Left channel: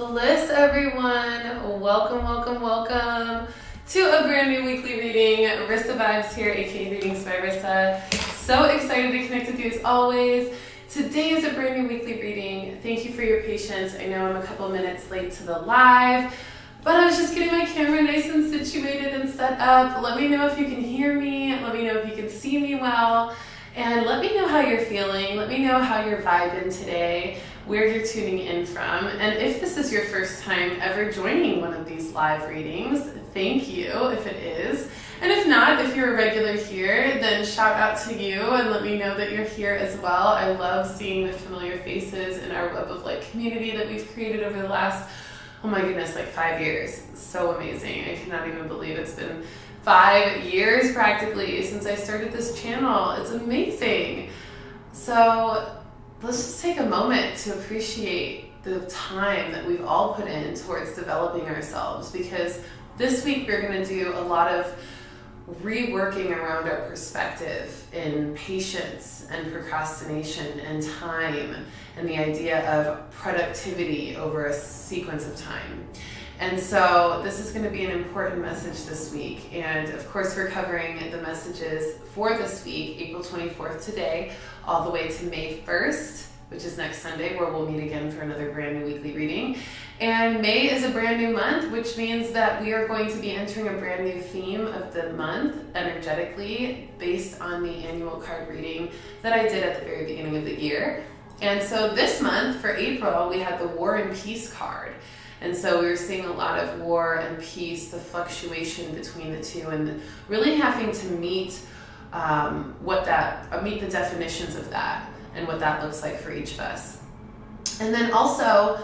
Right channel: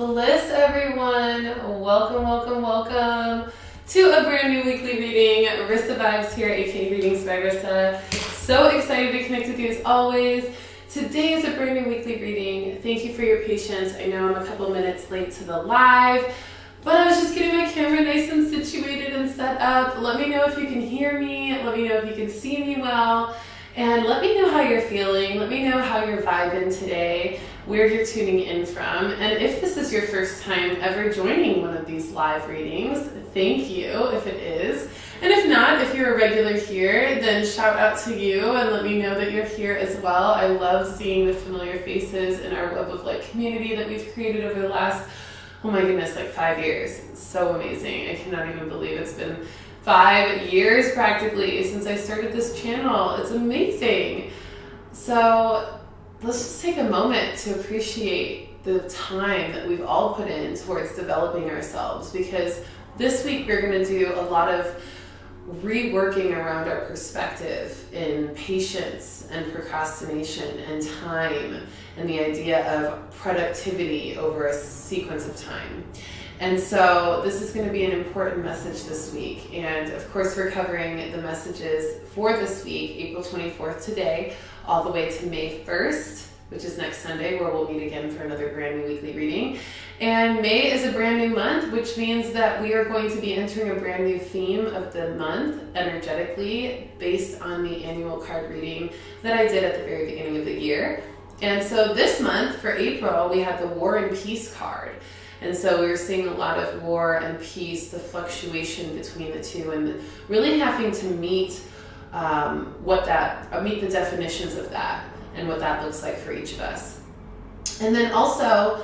Bliss, everyone. Welcome, welcome, welcome to a brand new weekly reading. Rissa Vibes here, aka Readings by Rissa. So excited to connect with you as always. Today is a brand new weekly reading. Thank you for your patience. I know I'm a couple minutes late to the live, but I was just getting my camera nice and situated and set up. Let me know if you can hear me. Let me know if you can see me well. And let me know how you're feeling. Let me know how you're vibing today, where you're tuning in from. And if this is your first time ever joining one of these live readings, thank you if it is. And if not, if you're a regular here, then shout out to you and let me know that you're here as well. I love seeing the familiar faces in our Web of Light community that we've created over the last, oh my goodness, like 5 years. It's so amazing. I cannot even believe it's been 5 years practically since I started this channel. It's amazing. So let's just take a moment to appreciate the time that we've all put in towards developing ourselves, because this week we're going to do a lot of reworking around our perspective in patience and procrastination and time and the idea of productivity over a sequence of time. And so this is going to be an important message this week. And of course, we're covering the messages for this week, April 24th today, all the way to May 1st, which is next Sunday, where we'll meet again for another brand new weekly reading. And May is a brand new month, which means that we are going to be entering a brand new theme of the month energetically based on the annual card reading that I did at the very beginning of the year. And so this month, for April, we had the War and Peace card. And so we were seeing a lot of war and peace, the fluctuation between the two, and really having to meet meet the definitions of that and what that looks like for each of us. And then also,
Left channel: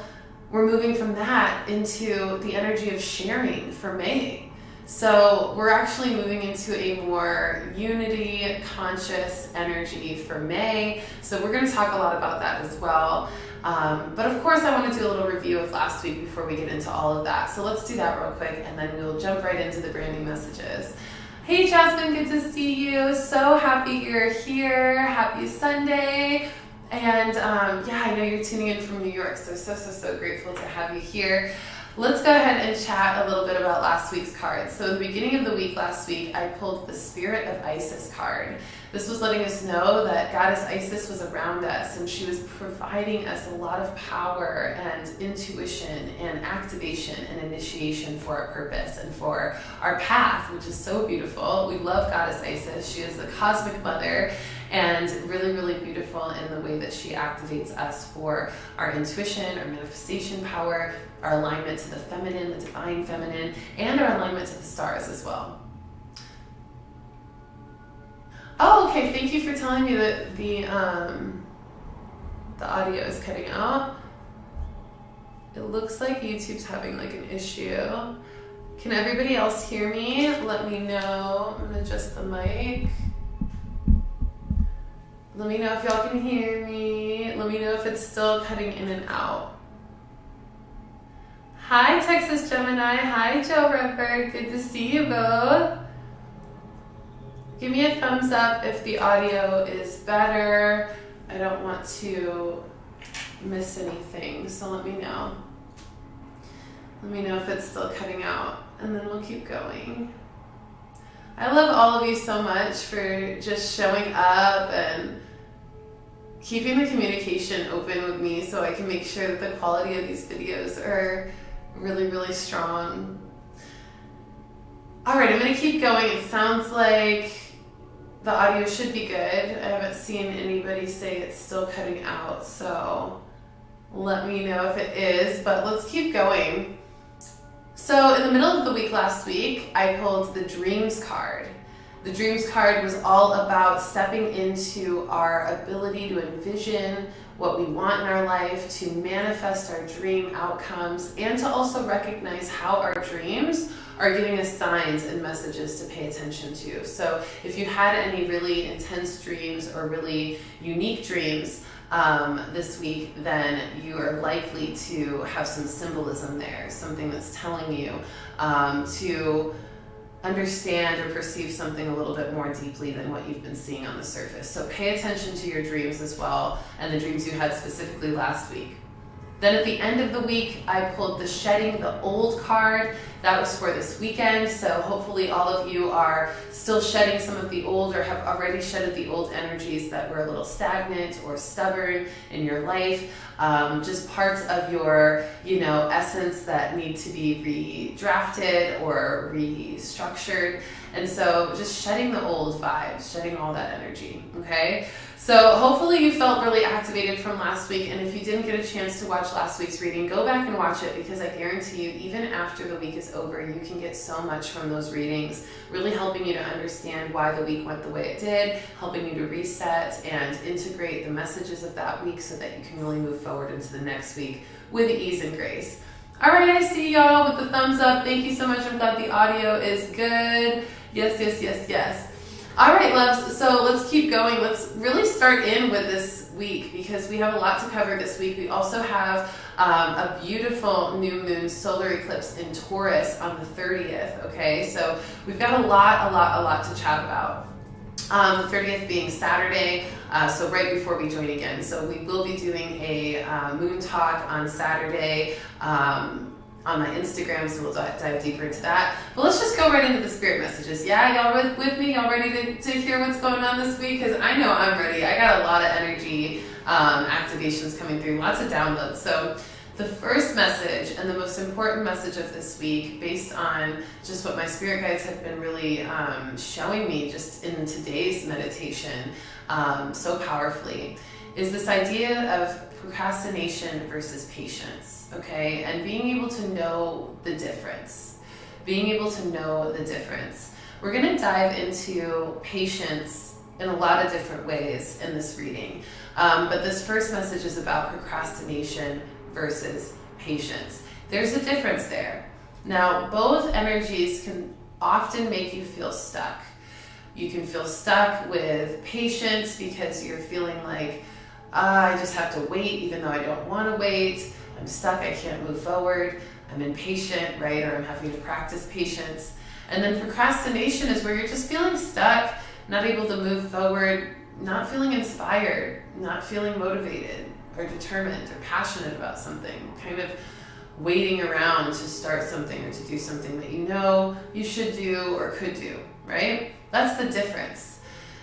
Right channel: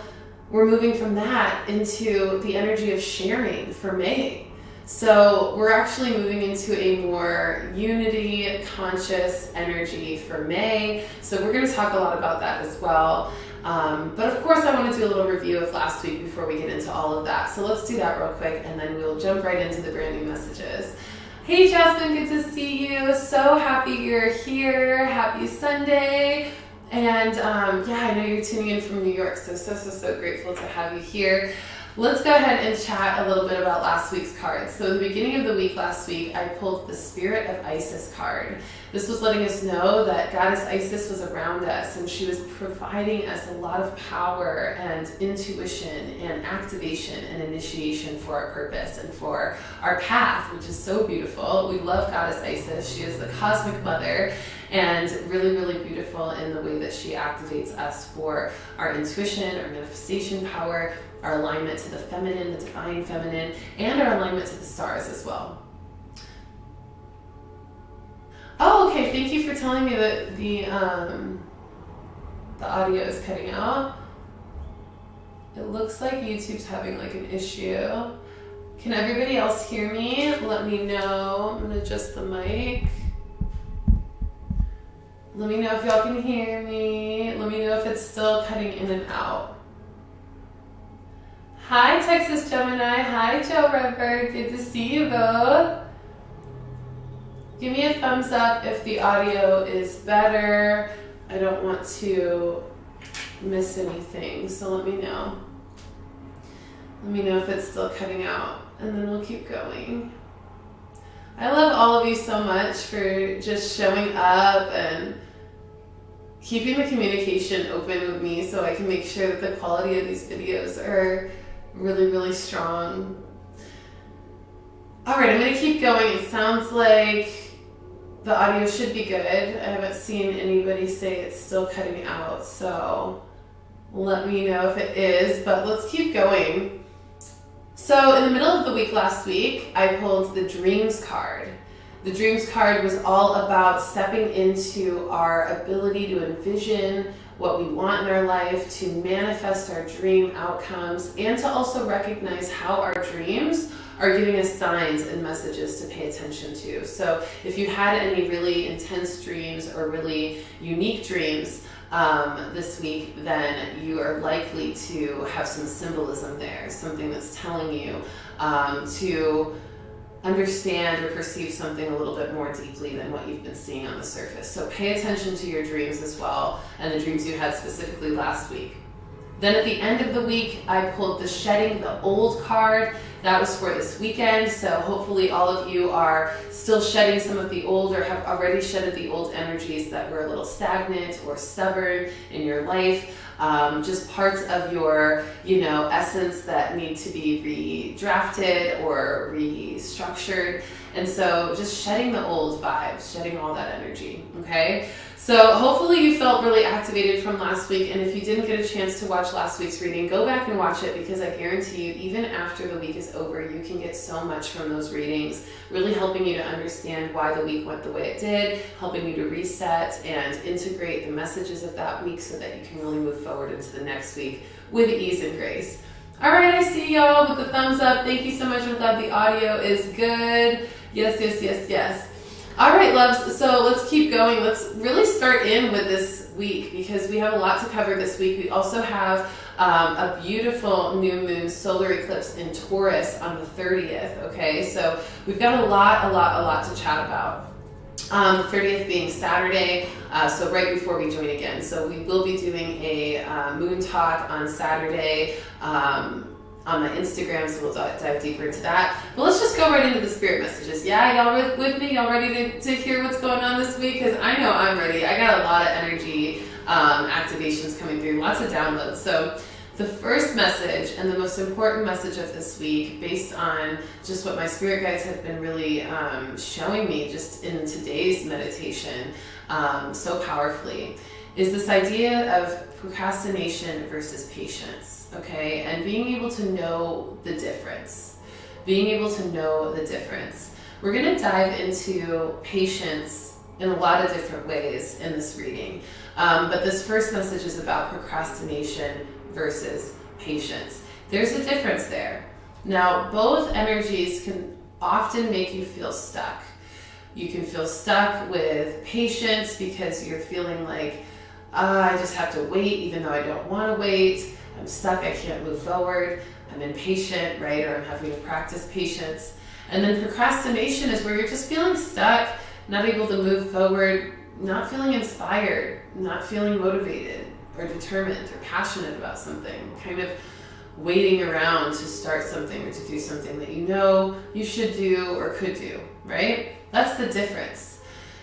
we're moving from that into the energy of sharing for May. So we're actually moving into a more unity, conscious energy for May. So we're going to talk a lot about that as well. But of course, I want to do a little review of last week before we get into all of that. So let's do that real quick, and then we'll jump right into the brand new messages. Hey Jasmine, good to see you. So happy you're here. Happy Sunday. And I know you're tuning in from New York, so grateful to have you here. Let's go ahead and chat a little bit about last week's cards. So at the beginning of the week last week, I pulled the Spirit of Isis card. This was letting us know that Goddess Isis was around us, and she was providing us a lot of power and intuition and activation and initiation for our purpose and for our path, which is so beautiful. We love Goddess Isis. She is the cosmic mother, and really, really beautiful in the way that she activates us for our intuition, our manifestation power, our alignment to the feminine, the divine feminine, and our alignment to the stars as well. Oh, okay. Thank you for telling me that the audio is cutting out. It looks like YouTube's having like an issue. Can everybody else hear me? Let me know. I'm gonna adjust the mic. Let me know if y'all can hear me. Let me know if it's still cutting in and out. Hi, Texas Gemini. Hi, Joe Redberg. Good to see you both. Give me a thumbs up if the audio is better. I don't want to miss anything, so let me know. Let me know if it's still cutting out, and then we'll keep going. I love all of you so much for just showing up and keeping the communication open with me so I can make sure that the quality of these videos are really, really strong. All right, I'm going to keep going. It sounds like the audio should be good. I haven't seen anybody say it's still cutting out, so let me know if it is, but let's keep going. So in the middle of the week last week, I pulled the Dreams card. The Dreams card was all about stepping into our ability to envision what we want in our life, to manifest our dream outcomes, and to also recognize how our dreams are giving us signs and messages to pay attention to. So if you had any really intense dreams or really unique dreams this week, then you are likely to have some symbolism there, something that's telling you to understand or perceive something a little bit more deeply than what you've been seeing on the surface. So pay attention to your dreams as well, and the dreams you had specifically last week. Then at the end of the week, I pulled the shedding the old card. That was for this weekend. So hopefully all of you are still shedding some of the old or have already shedded the old energies that were a little stagnant or stubborn in your life. Just parts of your, essence that need to be redrafted or restructured. And so just shedding the old vibes, shedding all that energy, okay? So hopefully you felt really activated from last week, and if you didn't get a chance to watch last week's reading, go back and watch it, because I guarantee you, even after the week is over, you can get so much from those readings, really helping you to understand why the week went the way it did, helping you to reset and integrate the messages of that week so that you can really move forward into the next week with ease and grace. All right, I see y'all with the thumbs up. Thank you so much. I'm glad the audio is good. Yes, yes, yes, yes. All right, loves, so let's keep going. Let's really start in with this week because we have a lot to cover this week. We also have a beautiful new moon solar eclipse in Taurus on the 30th, okay? So we've got a lot to chat about. The 30th being Saturday, so right before we join again. So we will be doing a moon talk on Saturday, on my Instagram, so we'll dive deeper into that. But let's just go right into the spirit messages. Yeah, y'all with me? Y'all ready to hear what's going on this week? Because I know I'm ready. I got a lot of energy activations coming through, lots of downloads. So the first message and the most important message of this week, based on just what my spirit guides have been really showing me just in today's meditation so powerfully, is this idea of procrastination versus patience, okay? And being able to know the difference. Being able to know the difference. We're gonna dive into patience in a lot of different ways in this reading. But this first message is about procrastination versus patience. There's a difference there. Now, both energies can often make you feel stuck. You can feel stuck with patience because you're feeling like, I just have to wait even though I don't want to wait. I'm stuck, I can't move forward. I'm impatient, right? Or I'm having to practice patience. And then procrastination is where you're just feeling stuck, not able to move forward, not feeling inspired, not feeling motivated or determined or passionate about something, kind of waiting around to start something or to do something that you know you should do or could do, right? That's the difference.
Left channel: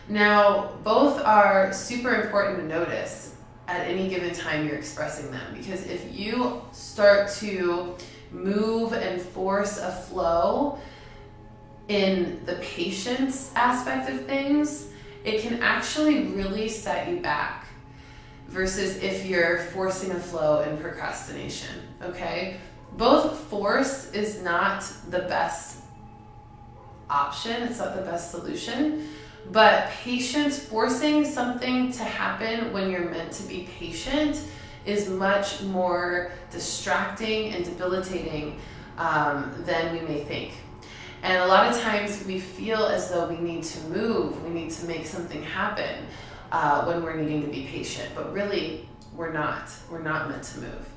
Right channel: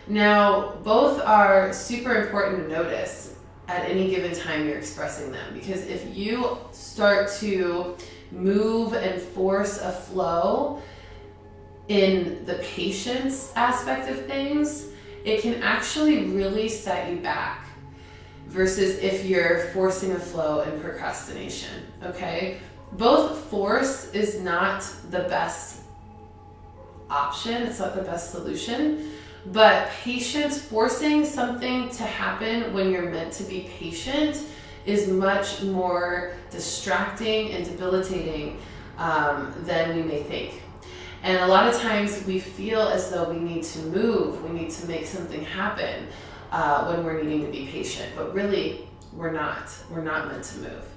Now, both are super important to notice at any given time you're expressing them, because if you start to move and force a flow in the patience aspect of things, it can actually really set you back versus if you're forcing a flow in procrastination, okay? Both force is not the best option, it's not the best solution. But patience, forcing something to happen when you're meant to be patient, is much more distracting and debilitating than we may think. And a lot of times we feel as though we need to move, we need to make something happen when we're needing to be patient. But really, we're not. We're not meant to move.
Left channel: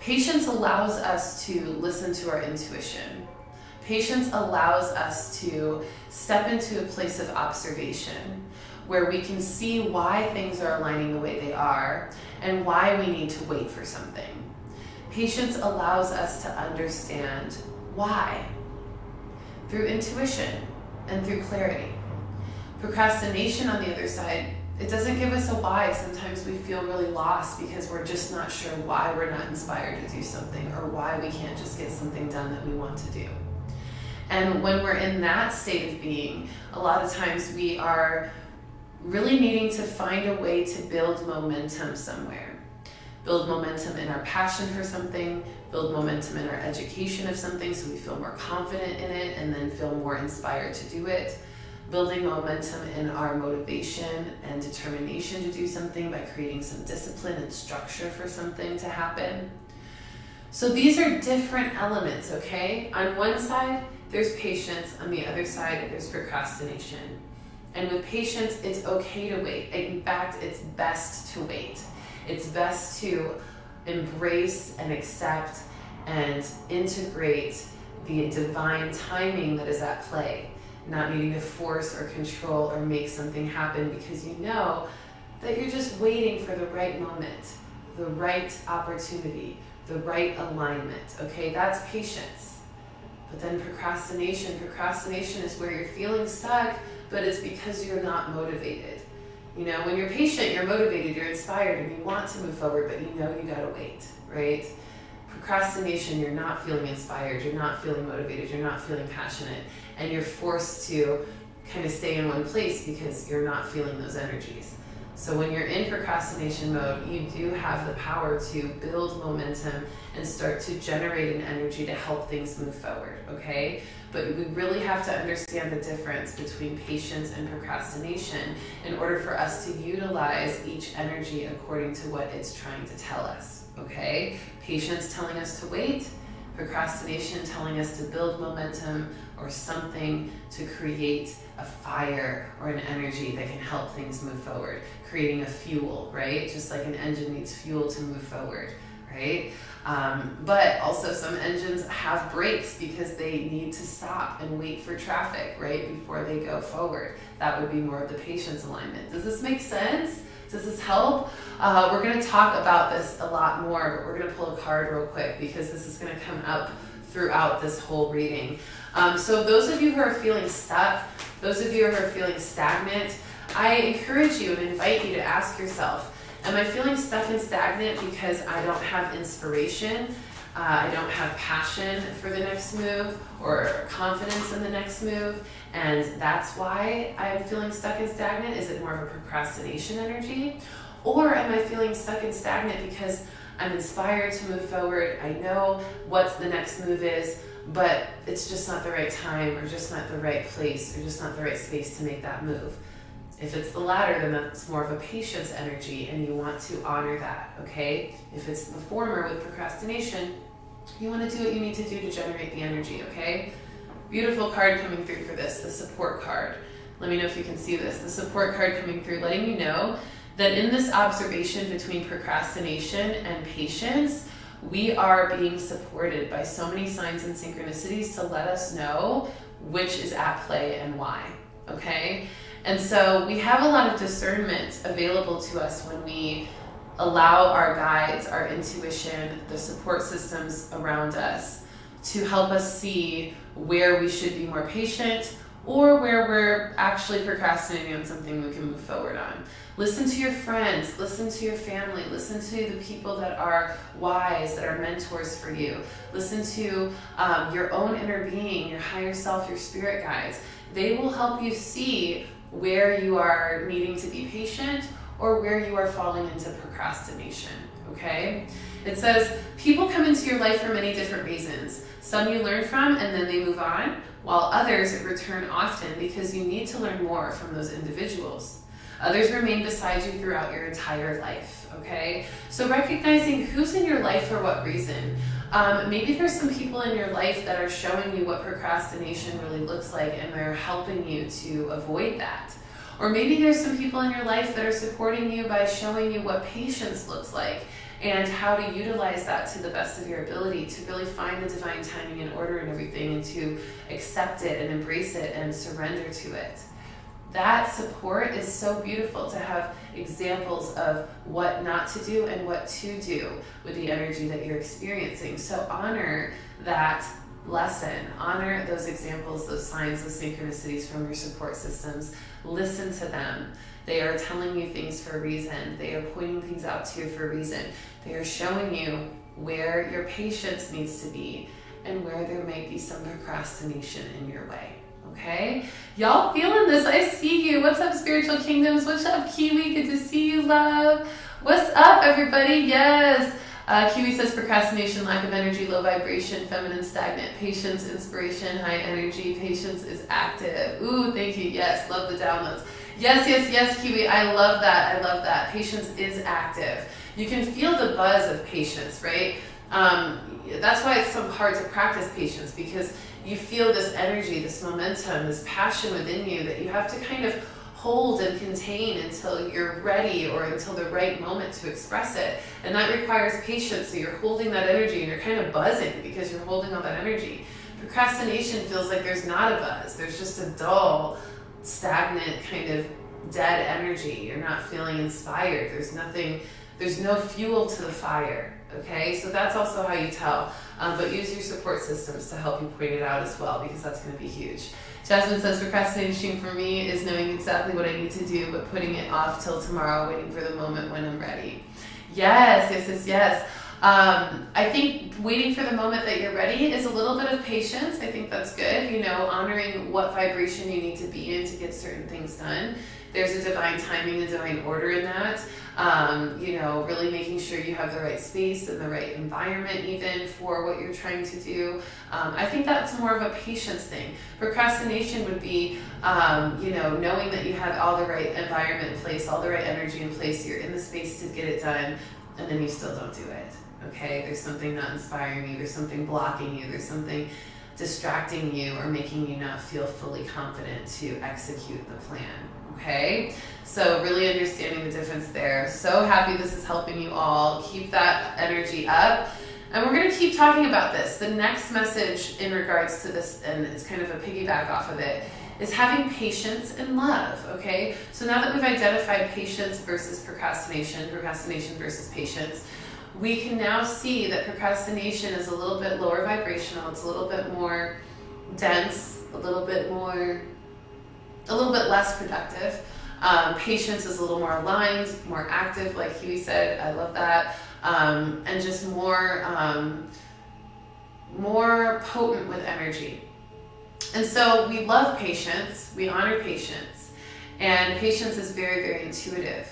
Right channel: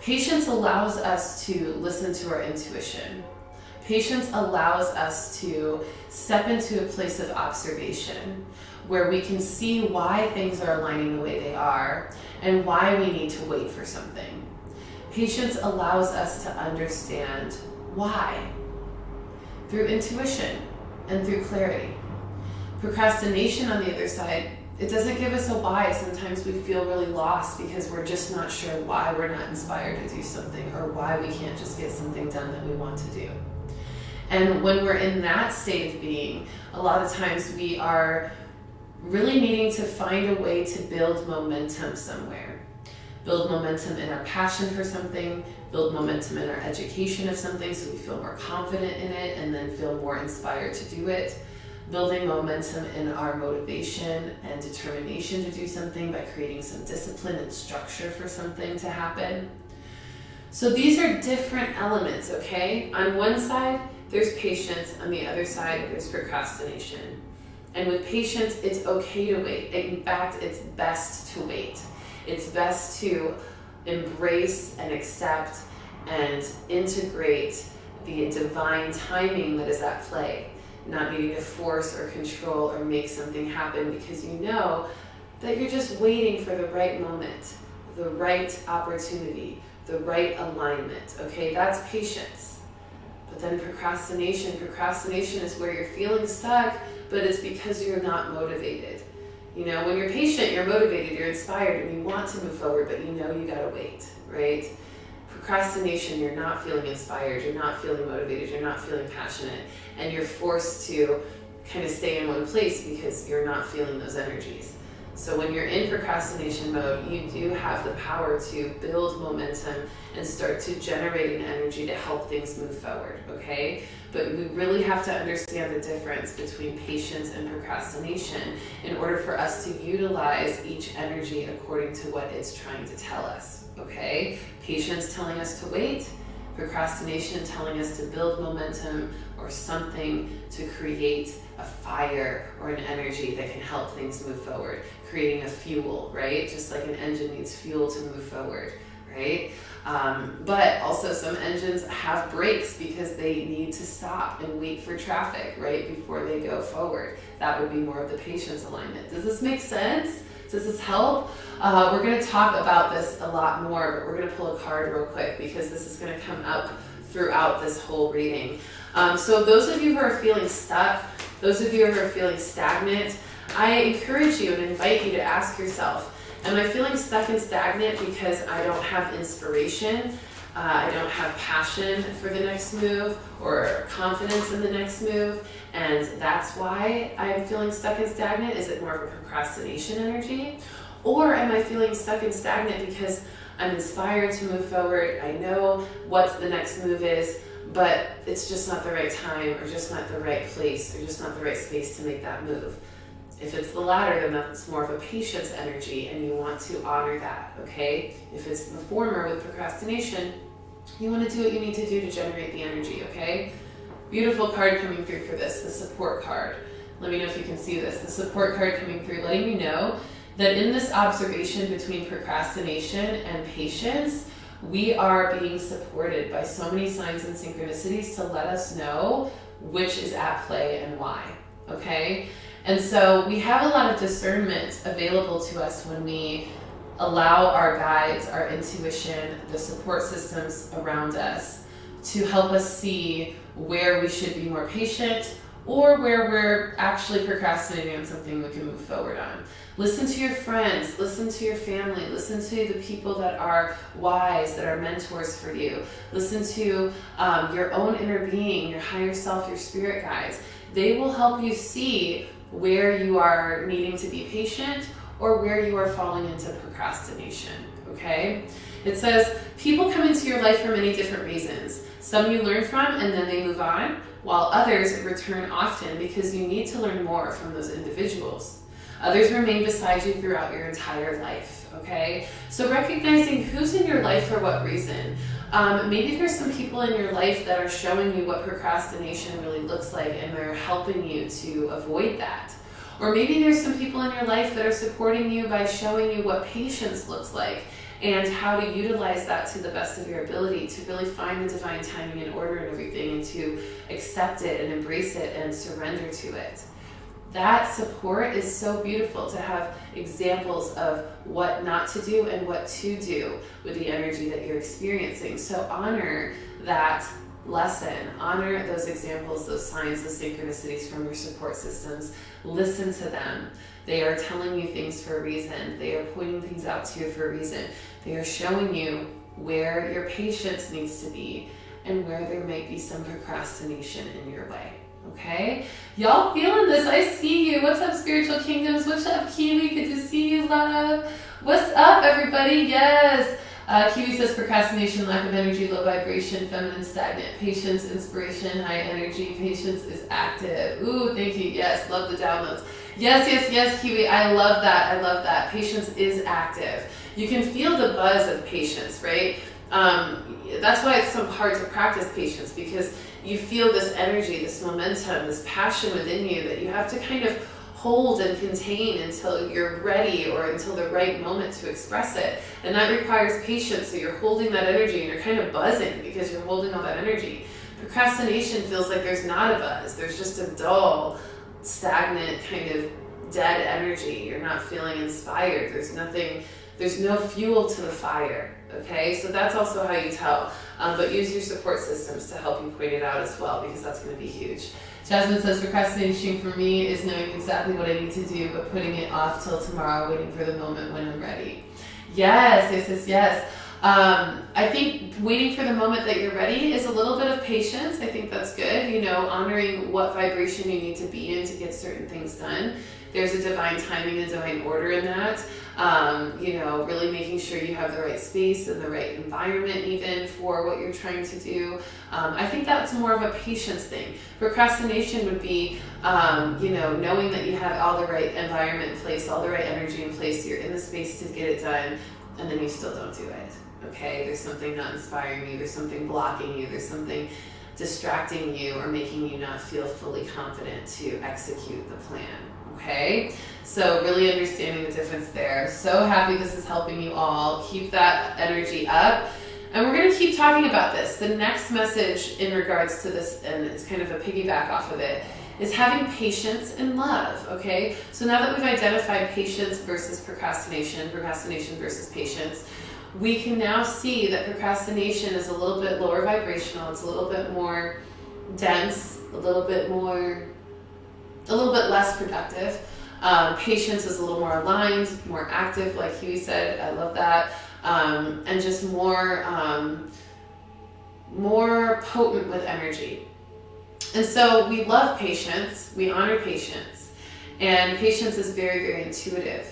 Patience allows us to listen to our intuition. Patience allows us to step into a place of observation where we can see why things are aligning the way they are and why we need to wait for something. Patience allows us to understand why through intuition and through clarity. Procrastination, on the other side, it doesn't give us a why. Sometimes we feel really lost because we're just not sure why we're not inspired to do something or why we can't just get something done that we want to do. And when we're in that state of being, a lot of times we are really needing to find a way to build momentum somewhere. Build momentum in our passion for something, build momentum in our education of something so we feel more confident in it and then feel more inspired to do it. Building momentum in our motivation and determination to do something by creating some discipline and structure for something to happen. So these are different elements, okay? On one side, there's patience. On the other side, there's procrastination. And with patience, it's okay to wait. In fact, it's best to wait. It's best to embrace and accept and integrate the divine timing that is at play. Not needing to force or control or make something happen because you know that you're just waiting for the right moment. the right opportunity, the right alignment, okay? That's patience. But then procrastination is where you're feeling stuck, but it's because you're not motivated. You know, when you're patient, you're motivated, you're inspired, and you want to move forward, but you know you gotta wait, right? Procrastination, you're not feeling inspired, you're not feeling motivated, you're not feeling passionate, and you're forced to kind of stay in one place because you're not feeling those energies. So when you're in procrastination mode, you do have the power to build momentum and start to generate an energy to help things move forward, okay? But we really have to understand the difference between patience and procrastination in order for us to utilize each energy according to what it's trying to tell us, okay? Patience telling us to wait, procrastination telling us to build momentum or something to create a fire or an energy that can help things move forward, creating a fuel, right? Just like an engine needs fuel to move forward, right? But also some engines have brakes because they need to stop and wait for traffic, right, before they go forward. That would be more of the patience alignment. Does this make sense? Does this help? We're going to talk about this a lot more, but we're going to pull a card real quick because this is going to come up throughout this whole reading. So those of you who are feeling stuck, those of you who are feeling stagnant, I encourage you and invite you to ask yourself, am I feeling stuck and stagnant because I don't have inspiration, I don't have passion for the next move or confidence in the next move, and that's why I'm feeling stuck and stagnant? Is it more of a procrastination energy? Or am I feeling stuck and stagnant because I'm inspired to move forward, I know what the next move is, but it's just not the right time or just not the right place or just not the right space to make that move? If it's the latter, then that's more of a patience energy and you want to honor that, okay? If it's the former with procrastination, you want to do what you need to do to generate the energy, okay? Beautiful card coming through for this, the support card. Let me know if you can see this. The support card coming through, letting me know that in this observation between procrastination and patience, we are being supported by so many signs and synchronicities to let us know which is at play and why, okay? And so we have a lot of discernment available to us when we allow our guides, our intuition, the support systems around us to help us see where we should be more patient or where we're actually procrastinating on something we can move forward on. Listen to your friends, listen to your family, listen to the people that are wise, that are mentors for you. Listen to your own inner being, your higher self, your spirit guides. They will help you see where you are needing to be patient or where you are falling into procrastination, okay? It says, people come into your life for many different reasons. Some you learn from and then they move on, while others return often because you need to learn more from those individuals. Others remain beside you throughout your entire life, okay? So recognizing who's in your life for what reason. Maybe there's some people in your life that are showing you what procrastination really looks like and they're helping you to avoid that. Or maybe there's some people in your life that are supporting you by showing you what patience looks like and how to utilize that to the best of your ability to really find the divine timing and order and everything and to accept it and embrace it and surrender to it. That support is so beautiful to have examples of what not to do and what to do with the energy that you're experiencing. So honor that lesson, honor those examples, those signs, those synchronicities from your support systems. Listen to them. They are telling you things for a reason. They are pointing things out to you for a reason. They are showing you where your patience needs to be and where there might be some procrastination in your way. Okay, y'all feeling this? I see you. What's up, Spiritual Kingdoms? What's up, Kiwi? Good to see you, love. What's up, everybody? Yes. Kiwi says procrastination, lack of energy, low vibration, feminine, stagnant, patience, inspiration, high energy, patience is active. Ooh, thank you. Yes, love the downloads. Yes, Kiwi. I love that. I love that. Patience is active. You can feel the buzz of patience, right? That's why it's so hard to practice patience, because you feel this energy, this momentum, this passion within you that you have to kind of hold and contain until you're ready or until the right moment to express it. And that requires patience. So you're holding that energy and you're kind of buzzing because you're holding all that energy. Procrastination feels like there's not a buzz. There's just a dull, stagnant, kind of dead energy. You're not feeling inspired. There's nothing There's no fuel to the fire, okay? So that's also how you tell. But use your support systems to help you point it out as well, because that's going to be huge. Jasmine says, procrastination for me is knowing exactly what I need to do, but putting it off till tomorrow, waiting for the moment when I'm ready. Yes. I think waiting for the moment that you're ready is a little bit of patience. I think that's good. You know, honoring what vibration you need to be in to get certain things done. There's a divine timing, a divine order in that. You know, really making sure you have the right space and the right environment even for what you're trying to do. I think that's more of a patience thing. Procrastination would be, you know, knowing that you have all the right environment in place, all the right energy in place, you're in the space to get it done, and then you still don't do it. Okay, there's something not inspiring you, there's something blocking you, there's something distracting you or making you not feel fully confident to execute the plan. Okay, so really understanding the difference there. So happy this is helping you all. Keep that energy up. And we're going to keep talking about this. The next message in regards to this, and it's kind of a piggyback off of it, is having patience and love, okay? So now that we've identified patience versus procrastination versus patience, we can now see that procrastination is a little bit lower vibrational, it's a little bit more dense, a little bit less productive. Patience is a little more aligned, more active, like Huey said. I love that. And just more potent with energy. And so we love patience, we honor patience, and patience is very, very intuitive.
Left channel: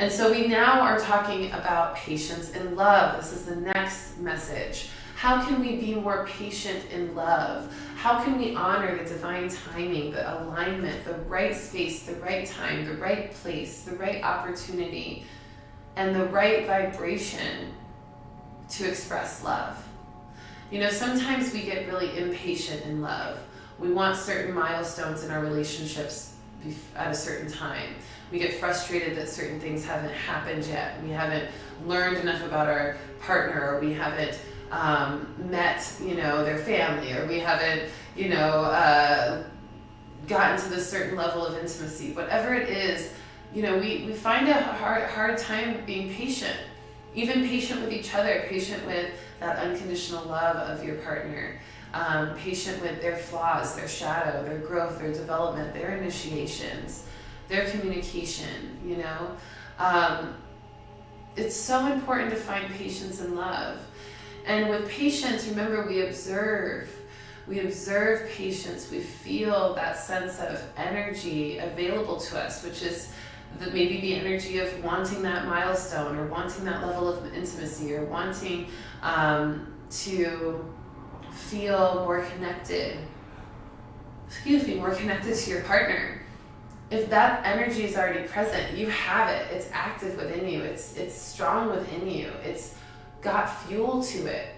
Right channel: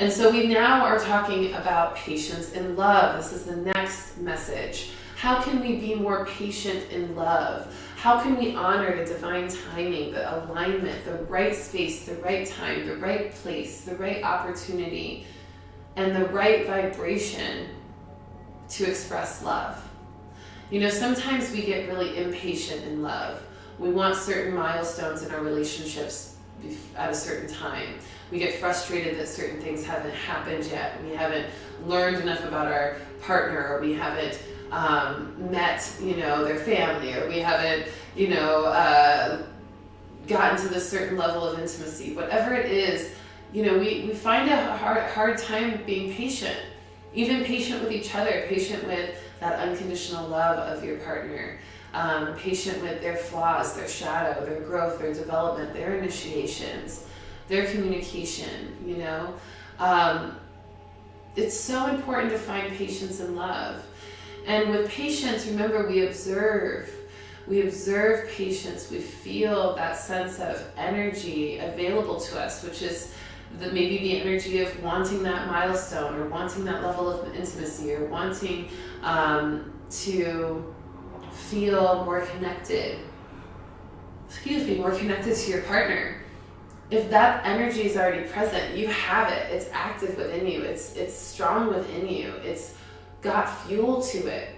And so we now are talking about patience and love. This is the next message. How can we be more patient in love? How can we honor the divine timing, the alignment, the right space, the right time, the right place, the right opportunity, and the right vibration to express love? You know, sometimes we get really impatient in love. We want certain milestones in our relationships at a certain time. We get frustrated that certain things haven't happened yet. We haven't learned enough about our partner, or we haven't met, you know, their family, or we haven't, you know, gotten to this certain level of intimacy. Whatever it is, you know, we find a hard time being patient, even patient with each other, patient with that unconditional love of your partner, patient with their flaws, their shadow, their growth, their development, their initiations, their communication, you know. It's so important to find patience and love. And with patience, remember, we observe patience, we feel that sense of energy available to us, which is maybe the energy of wanting that milestone, or wanting that level of intimacy, or wanting to feel more connected to your partner. If that energy is already present, you have it, it's active within you, it's strong within you, it's got fuel to it,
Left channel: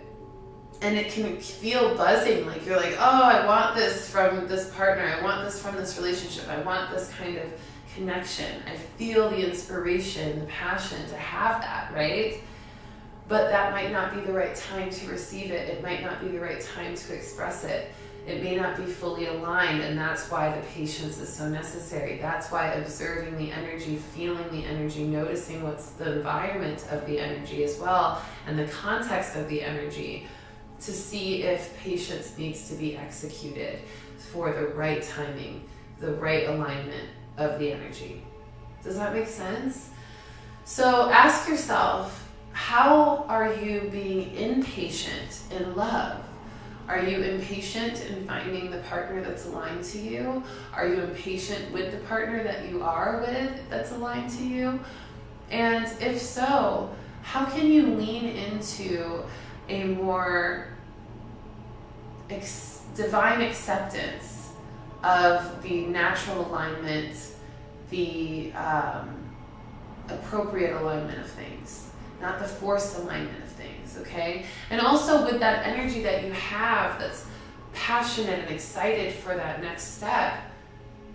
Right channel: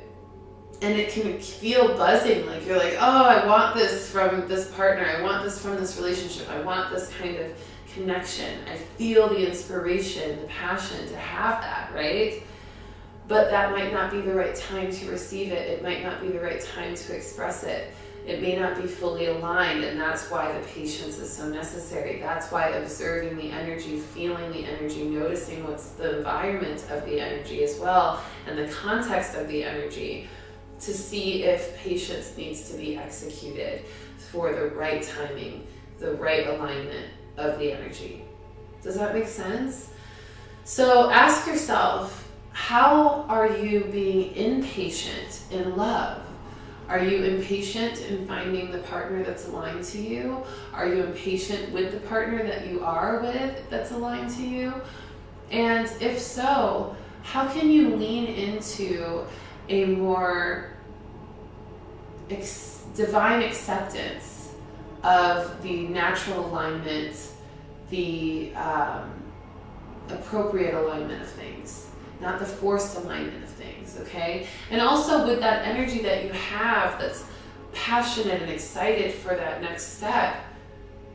and it can feel buzzing, like you're like, oh, I want this from this partner, I want this from this relationship, I want this kind of connection, I feel the inspiration, the passion to have that, right? But that might not be the right time to receive it, it might not be the right time to express it, it may not be fully aligned, and that's why the patience is so necessary. That's why observing the energy, feeling the energy, noticing what's the environment of the energy as well, and the context of the energy, to see if patience needs to be executed for the right timing, the right alignment of the energy. Does that make sense? So ask yourself, how are you being impatient in love? Are you impatient in finding the partner that's aligned to you? Are you impatient with the partner that you are with that's aligned to you? And if so, how can you lean into a more divine acceptance of the natural alignment, the appropriate alignment of things, not the forced alignment of things, okay? And also with that energy that you have that's passionate and excited for that next step,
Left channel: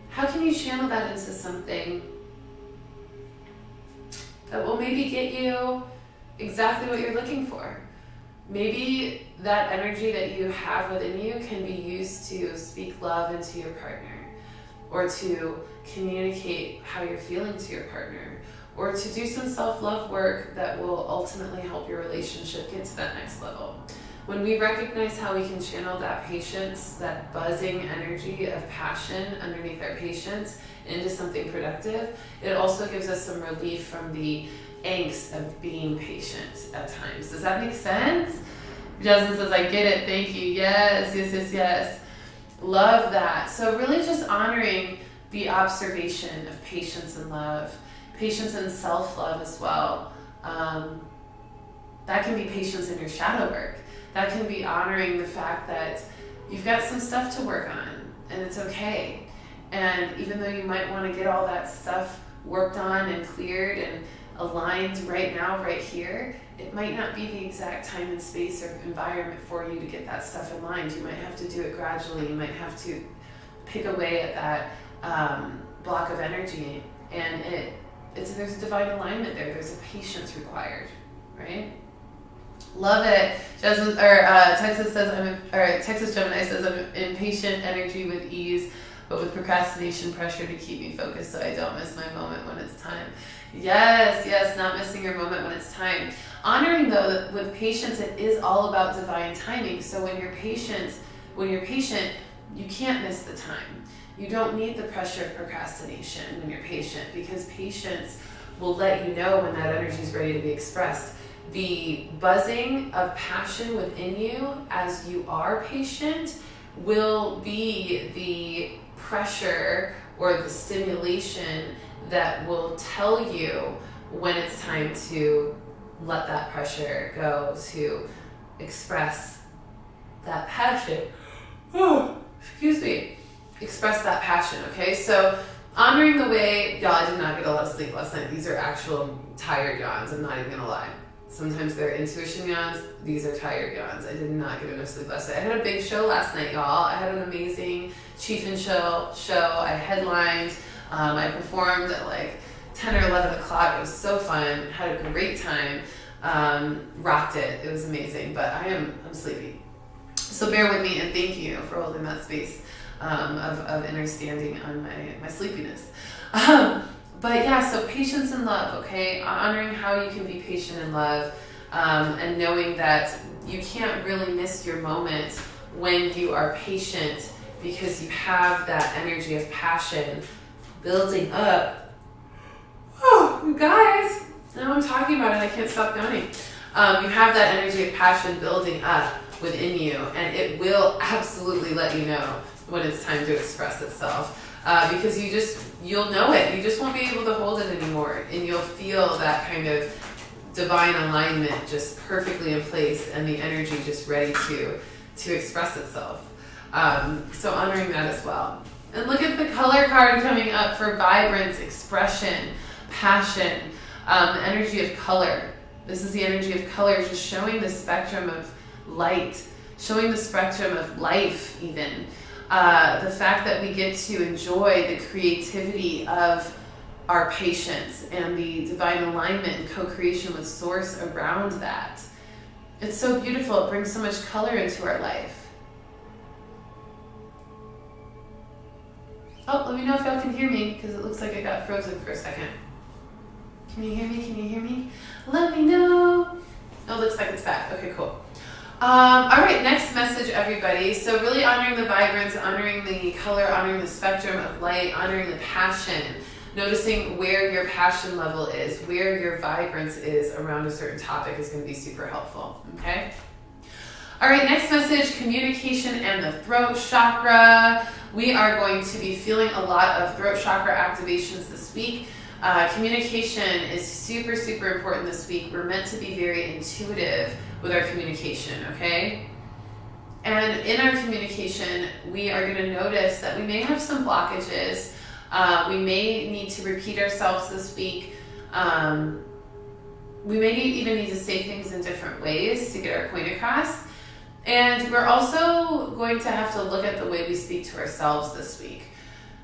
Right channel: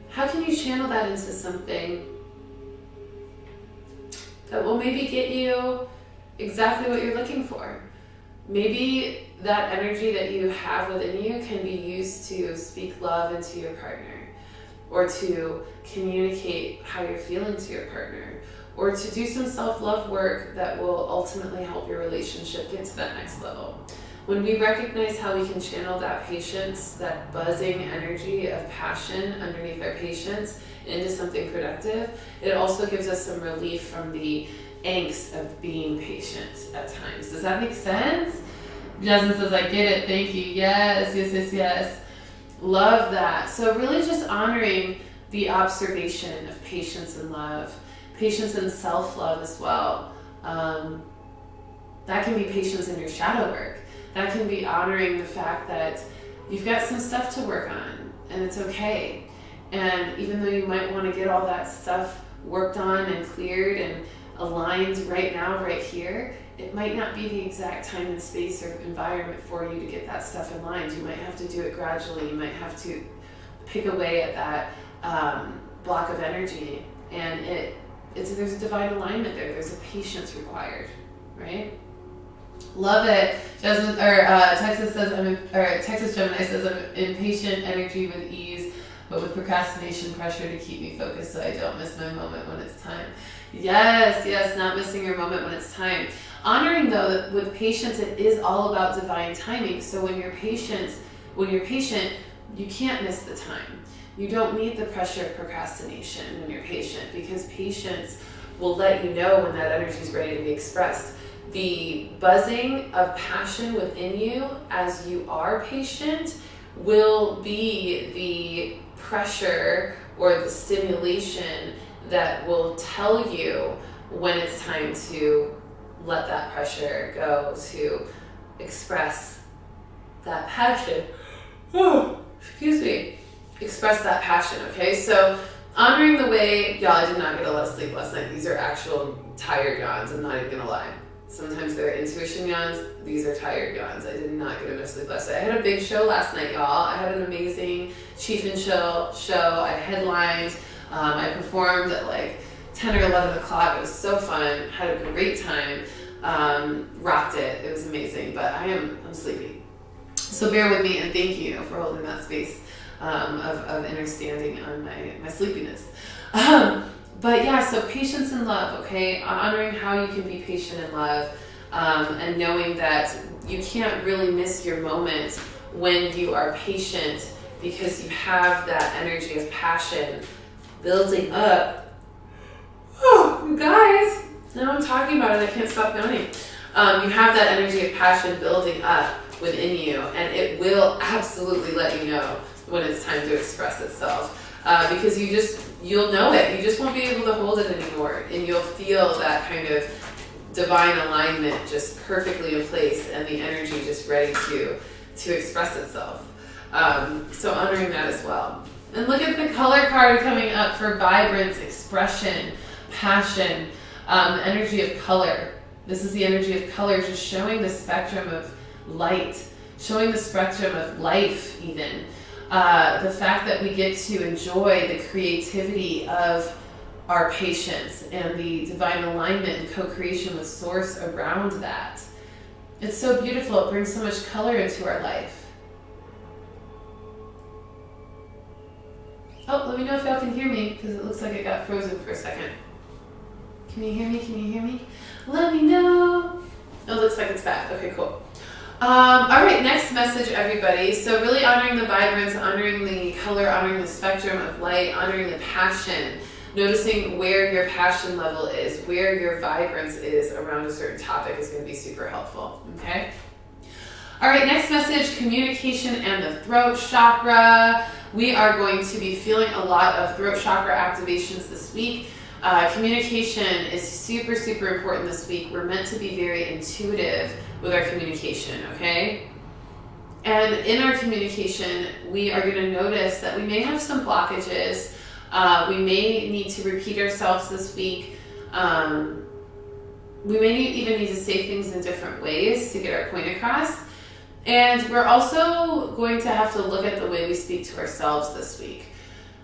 how can you channel that into something that will maybe get you exactly what you're looking for? Maybe that energy that you have within you can be used to speak love into your partner, or to communicate how you're feeling to your partner, or to do some self-love work that will ultimately help your relationship get to that next level. When we recognize how we can channel that patience, that buzzing energy of passion underneath our patience into something productive, it also gives us some relief from the angst of being patient at times. Does that make sense? Jasmine says, I get it, thank you. Yes, yes, yes, yes. Love that. So really just honoring the observation of patience and love, patience and self-love as well. That can be patience in your shadow work. That can be honoring the fact that you've got some stuff to work on, and it's okay. And even though you might want to get all that stuff worked on and cleared and aligned right now, right here, it might not be the exact time and space or environment for you to get that stuff aligned. You might have to do it gradually. You might have to pick away at that block of energy. And there's a divine alignment there. There's a patience required, right? Love it. Jasmine, Texas Gemini says, I'm impatient energy with ease, but with procrastination pressure to keep me focused so I don't miss my moment when it's time. Yes, yes, not missing your moment when it's time. Honoring though that with patience, it is all about divine timing. So when you're patient, you can't miss the time. You don't need the pressure of procrastination when you're patient, because patience will let you know when that energy is ready to be expressed. The buzzing of passion within you as you are patient will be the pressure or the stimulation that will tell you when it's time to let that pressure go, to express that passion. Oh, excuse me. Express that passion, okay? So honoring the way, y'all, I did not get a lot of sleep last night. These are actual tired yawns, I'm not even gonna lie. Sometimes they're intuition yawns, these are tired yawns. I did not get enough sleep last night. I had a big show last night, y'all. I had an amazing Chiefin show. I headlined, I performed at like 10 or 11 o'clock. It was so fun, had a great time, rocked it. It was amazing, but I'm sleepy. So bear with me and thank you for holding that space of understanding on my sleepiness. But yeah, so patience and love, okay? Honoring how you can be patient and love, and knowing that you can't really miss your moment when you are patient, because you have that energy of passion building up. Oh, you guys, now I'm talking about it, I can't stop yawning. You have that energy of passion building up within you, and it will absolutely let you know when it's time to express itself. Because you'll know it. You just won't be able to hold it anymore. And you'll feel that kind of divine alignment just perfectly in place, and the energy just ready to express itself. So honoring that as well. And look at the color card coming up for vibrance, expression, passion, energy of color. This is the energy of color, just showing the spectrum of light, showing the spectrum of life even. The fact that we get to enjoy the creativity of our patience and the divine alignment and co-creation with source around that. It's so beautiful. It brings so much color into our life. Oh, let me know if y'all can hear me, because it looks like I got frozen for a second. Can you hear me? Can you hear me? Let me know. Oh, it looks like it's back. Okay, cool. All right, next message, everybody. So really honoring the vibrance, honoring the color, honoring the spectrum of light, honoring the passion, noticing where your passion level is, where your vibrance is around a certain topic is going to be super helpful, okay? All right, next message, communication and the throat chakra. We are going to be feeling a lot of throat chakra activations this week. Communication is super, super important this week. We're meant to be very intuitive with our communication, okay? And in our communication, we are going to notice that we may have some blockages. We may need to repeat ourselves this week. We may even need to say things in different ways to get our point across. And we're also going to have to look at the way we speak to ourselves this week.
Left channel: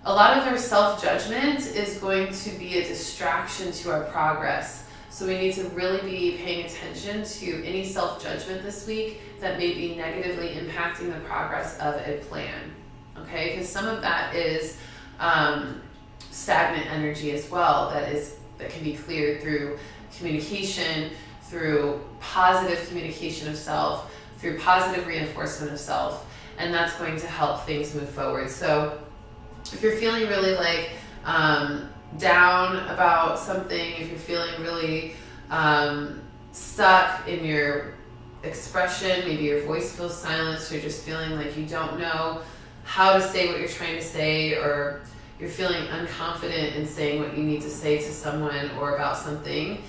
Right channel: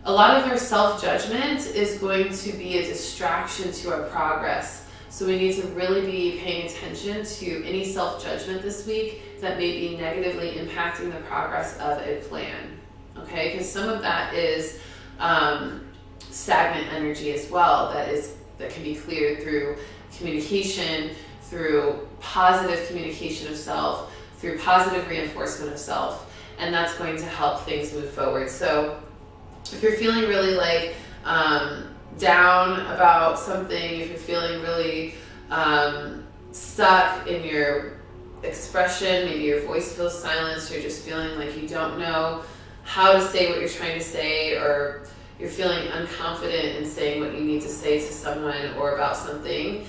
A lot of our self-judgment is going to be a distraction to our progress. So we need to really be paying attention to any self-judgment this week that may be negatively impacting the progress of a plan. Okay, because some of that is stagnant energy as well, that that can be cleared through communication, through positive communication of self, through positive reinforcement of self, and that's going to help things move forward. So if you're feeling really like down about something, if you're feeling really stuck in your expression, maybe your voice feels silenced, you're just feeling like you don't know how to say what you're trying to say, or you're feeling unconfident in saying what you need to say to someone or about something,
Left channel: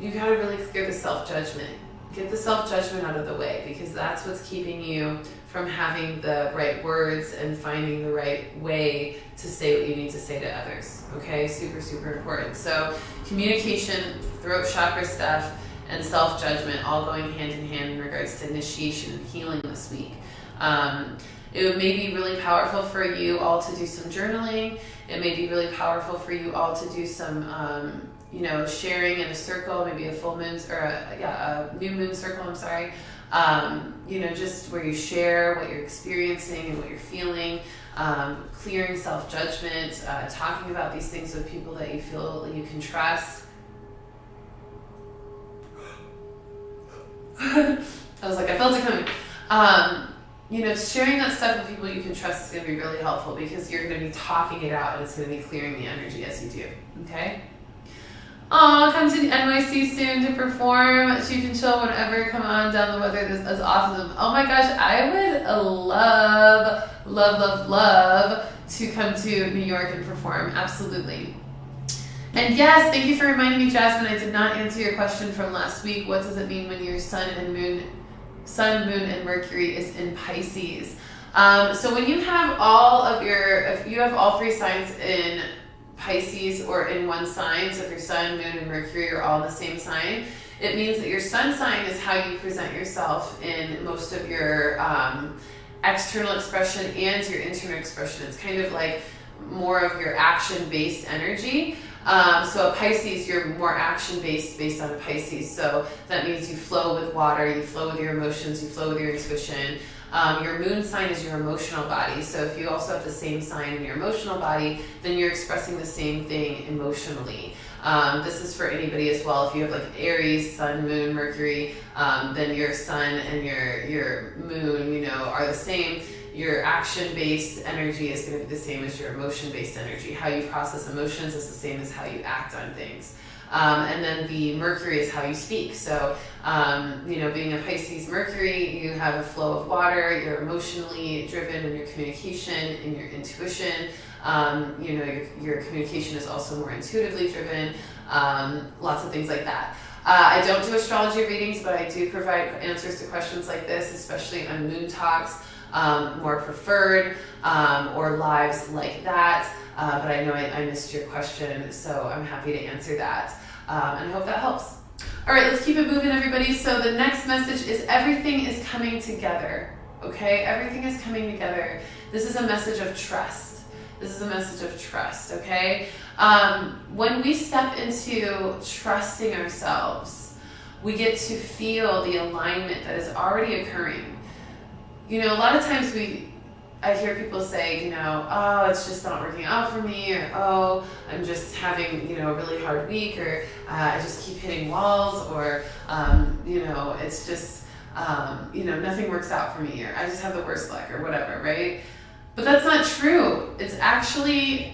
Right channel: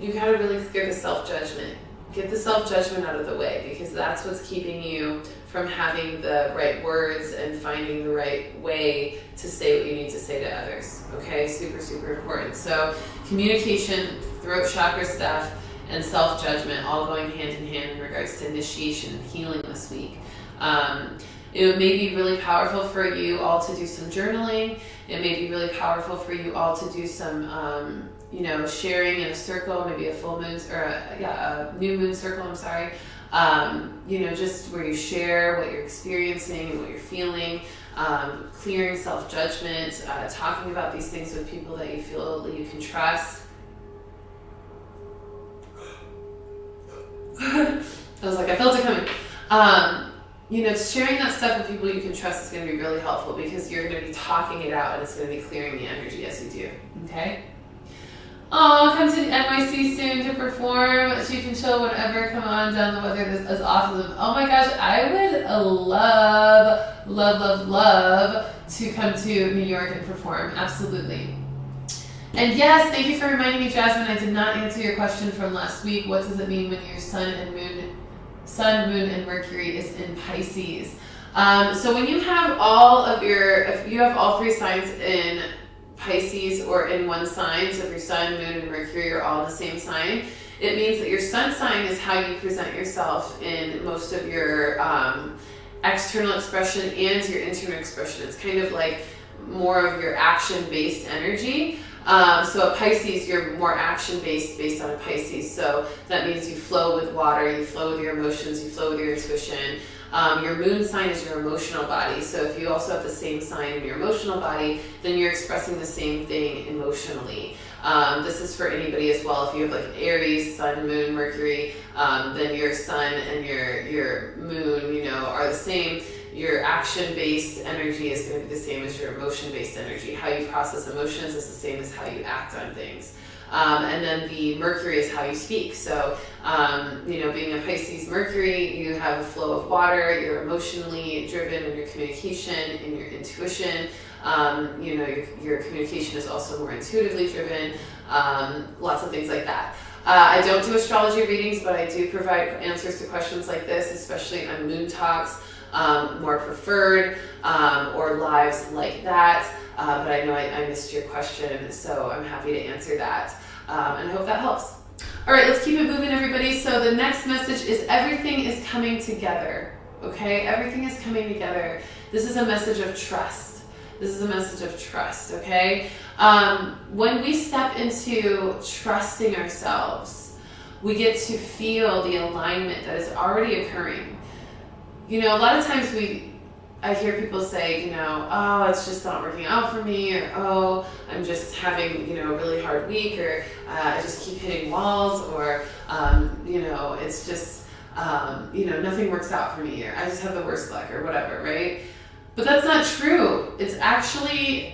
you gotta really clear the self-judgment. Get the self-judgment out of the way, because that's what's keeping you from having the right words and finding the right way to say what you need to say to others. Okay, super, super important. So communication, throat chakra stuff, and self-judgment all going hand in hand in regards to initiation and healing this week. It may be really powerful for you all to do some journaling. It may be really powerful for you all to do some sharing in a circle, maybe a full moon or a new moon circle, I'm sorry. Just where you share what you're experiencing and what you're feeling, clearing self-judgment, talking about these things with people that you feel that you can trust. I was like, I felt it coming. Sharing that stuff with people you can trust is going to be really helpful, because you're going to be talking it out and it's going to be clearing the energy as you do. Okay? Come to NYC soon to perform. Chief and Chill whenever. Come on down. The weather is awesome. Oh my gosh, I would love to come to New York and perform. Absolutely. And yes, thank you for reminding me, Jasmine. I did not answer your question from last week. What does it mean when your sun, moon, and Mercury is in Pisces? So when you have if you have all three signs in Pisces or in one sign, so if your sun, moon, and Mercury are all in the same sign, it means that your sun sign is how you present yourself in most of your external expression and your internal expression. It's kind of like more of your action-based energy. So a Pisces, you're more action-based based on a Pisces. So that means you flow with water, you flow with your emotions, you flow with your intuition. Your moon sign is your emotional body. So if you also have the same sign in your emotional body, then you're expressing the same thing emotionally. This is for anybody as well. If you have like Aries, sun, moon, Mercury, then your sun and your moon, are the same. Your action-based energy is going to be the same as your emotion-based energy. How you process emotions is the same as how you act on things. And then the Mercury is how you speak. So, being a Pisces Mercury, you have a flow of water, you're emotionally driven in your communication, in your intuition. Your communication is also more intuitively driven, lots of things like that. I don't do astrology readings, but I do provide answers to questions like this, especially on Moon Talks, more preferred, or lives like that. But I know I missed your question, so I'm happy to answer that. And I hope that helps. All right, let's keep it moving, everybody. So the next message is everything is coming together, okay? Everything is coming together. This is a message of trust. This is a message of trust, okay? When we step into trusting ourselves, we get to feel the alignment that is already occurring. A lot of times I hear people say, oh, it's just not working out for me, or oh, I'm just having, a really hard week, or I just keep hitting walls, or, it's just, nothing works out for me, or I just have the worst luck, or whatever, right? But that's not true. It's actually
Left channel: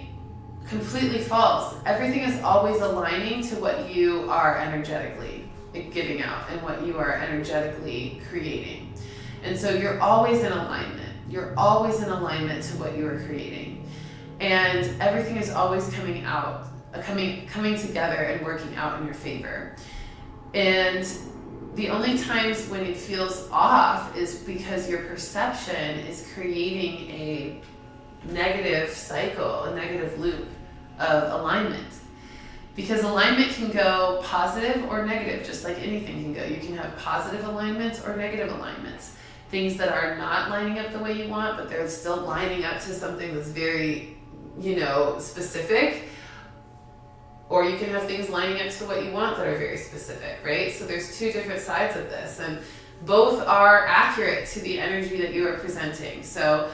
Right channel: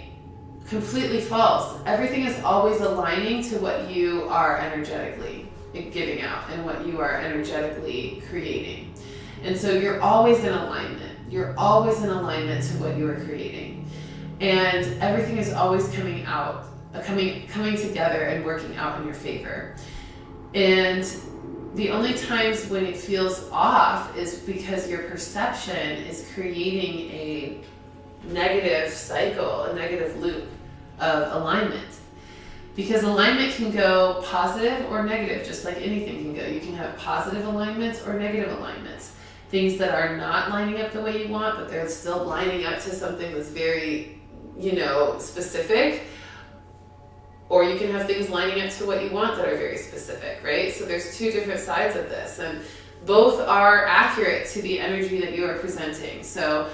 completely false. Everything is always aligning to what you are energetically giving out and what you are energetically creating. And so you're always in alignment. You're always in alignment to what you are creating. And everything is always coming together and working out in your favor. And the only times when it feels off is because your perception is creating a negative cycle, a negative loop of alignment. Because alignment can go positive or negative, just like anything can go. You can have positive alignments or negative alignments. Things that are not lining up the way you want, but they're still lining up to something that's very, specific. Or you can have things lining up to what you want that are very specific, right? So there's two different sides of this, and both are accurate to the energy that you are presenting. So,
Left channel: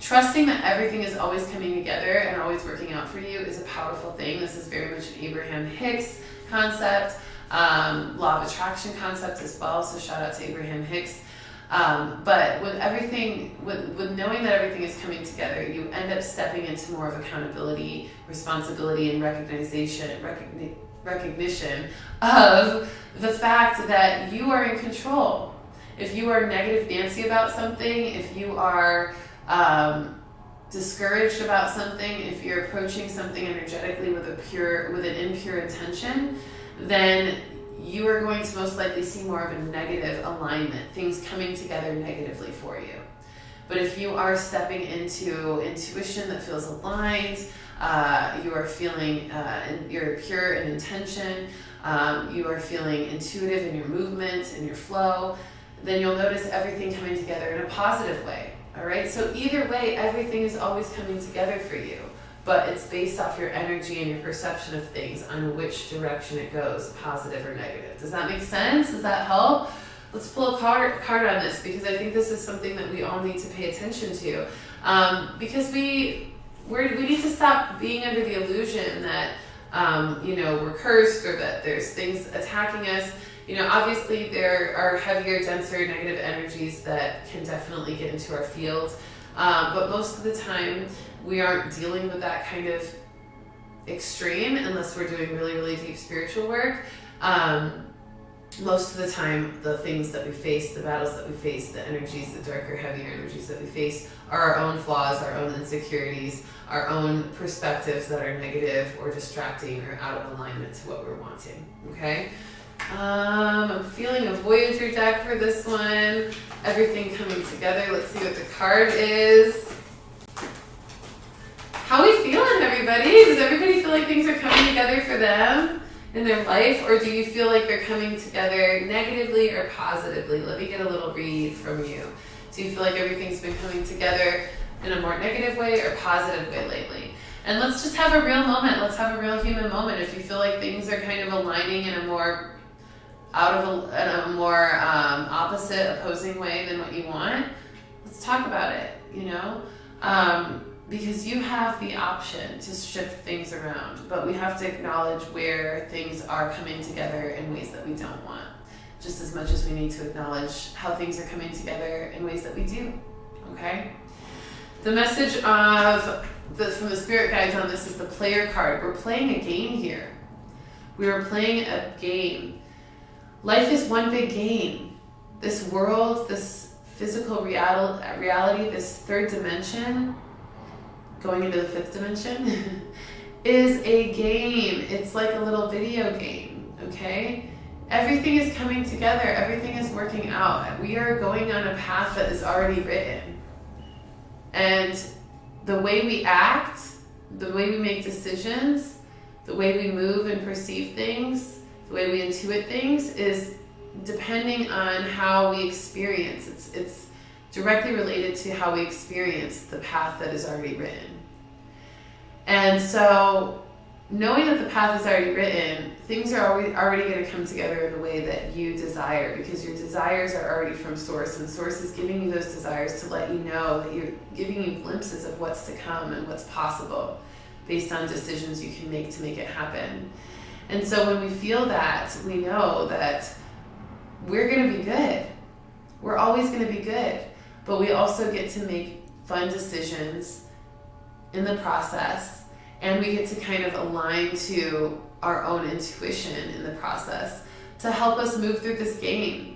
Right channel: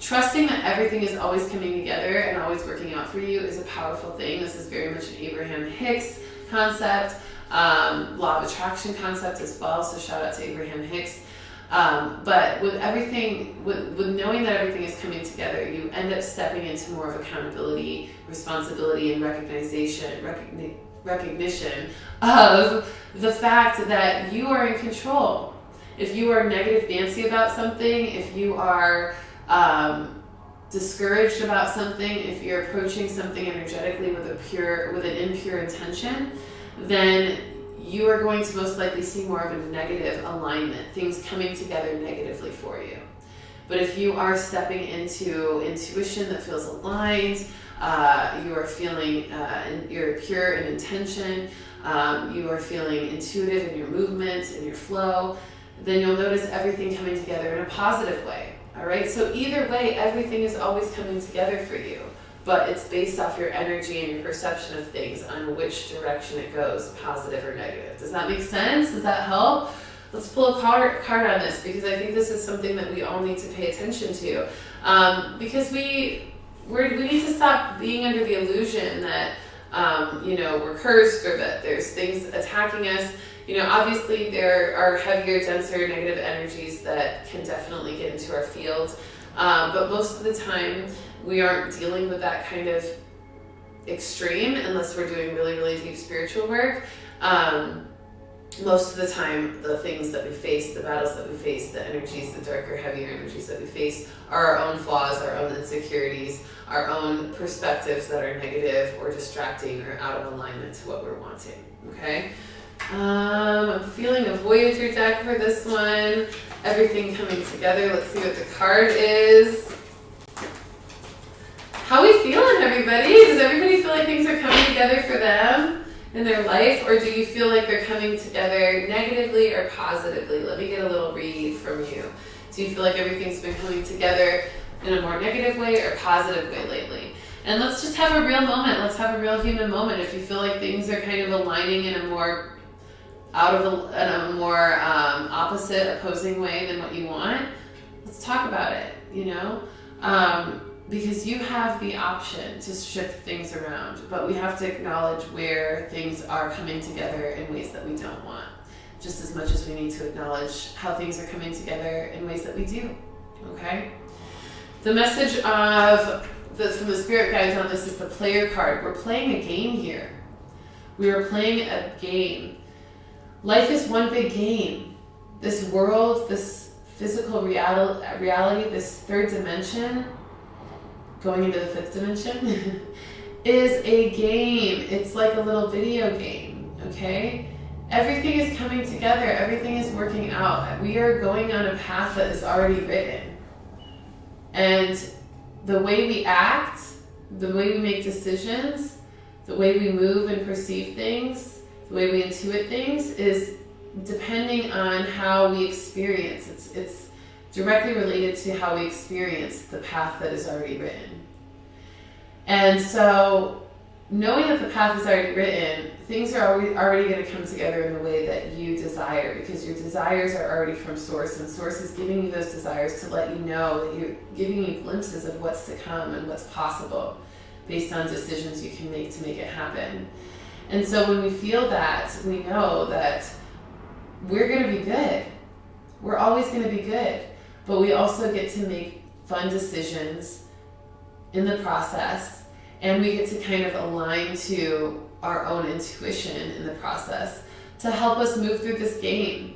trusting that everything is always coming together and always working out for you is a powerful thing. This is very much an Abraham Hicks concept, law of attraction concept as well. So shout out to Abraham Hicks. But with everything, with knowing that everything is coming together, you end up stepping into more of accountability, responsibility, and recognition of the fact that you are in control. If you are negative Nancy about something, if you are discouraged about something, if you're approaching something energetically with an impure intention, then you are going to most likely see more of a negative alignment, things coming together negatively for you. But if you are stepping into intuition that feels aligned, you are feeling, you're pure in intention, you are feeling intuitive in your movement, in your flow, then you'll notice everything coming together in a positive way. All right, so either way, everything is always coming together for you, but it's based off your energy and your perception of things on which direction it goes, positive or negative. Does that make sense? Does that help? Let's pull a card on this, because I think this is something that we all need to pay attention to, because we need to stop being under the illusion that we're cursed or that there's things attacking us. Obviously there are heavier, denser, negative energies that can definitely get into our field. But most of the time, we aren't dealing with that kind of extreme unless we're doing really, really deep spiritual work. Most of the time, the things that we face, the battles that we face, the energies, the darker, heavier energies that we face are our own flaws, our own insecurities, our own perspectives that are negative or distracting or out of alignment to what we're wanting, okay? I'm feeling a Voyager deck for this one. Everything coming together. Let's see what the card is. How are we feeling, everybody? Does everybody feel like things are coming together for them in their life? Or do you feel like they're coming together negatively or positively? Let me get a little read from you. Do you feel like everything's been coming together in a more negative way or positive way lately? And let's just have a real moment. Let's have a real human moment. If you feel like things are kind of aligning in a more opposite, opposing way than what you want, let's talk about it, because you have the option to shift things around, but we have to acknowledge where things are coming together in ways that we don't want, just as much as we need to acknowledge how things are coming together in ways that we do, okay? The message from the spirit guides on this is the player card. We're playing a game here. We are playing a game. Life is one big game. This world, this physical reality, this third dimension, going into the fifth dimension, is a game. It's like a little video game, okay? Everything is coming together. Everything is working out. We are going on a path that is already written. And the way we act, the way we make decisions, the way we move and perceive things, the way we intuit things is depending on how we experience. It's directly related to how we experience the path that is already written. And so knowing that the path is already written, things are already going to come together in the way that you desire, because your desires are already from Source, and Source is giving you those desires to let you know that you're giving you glimpses of what's to come and what's possible based on decisions you can make to make it happen. And so when we feel that, we know that we're going to be good. We're always going to be good. But we also get to make fun decisions in the process. And we get to kind of align to our own intuition in the process to help us move through this game.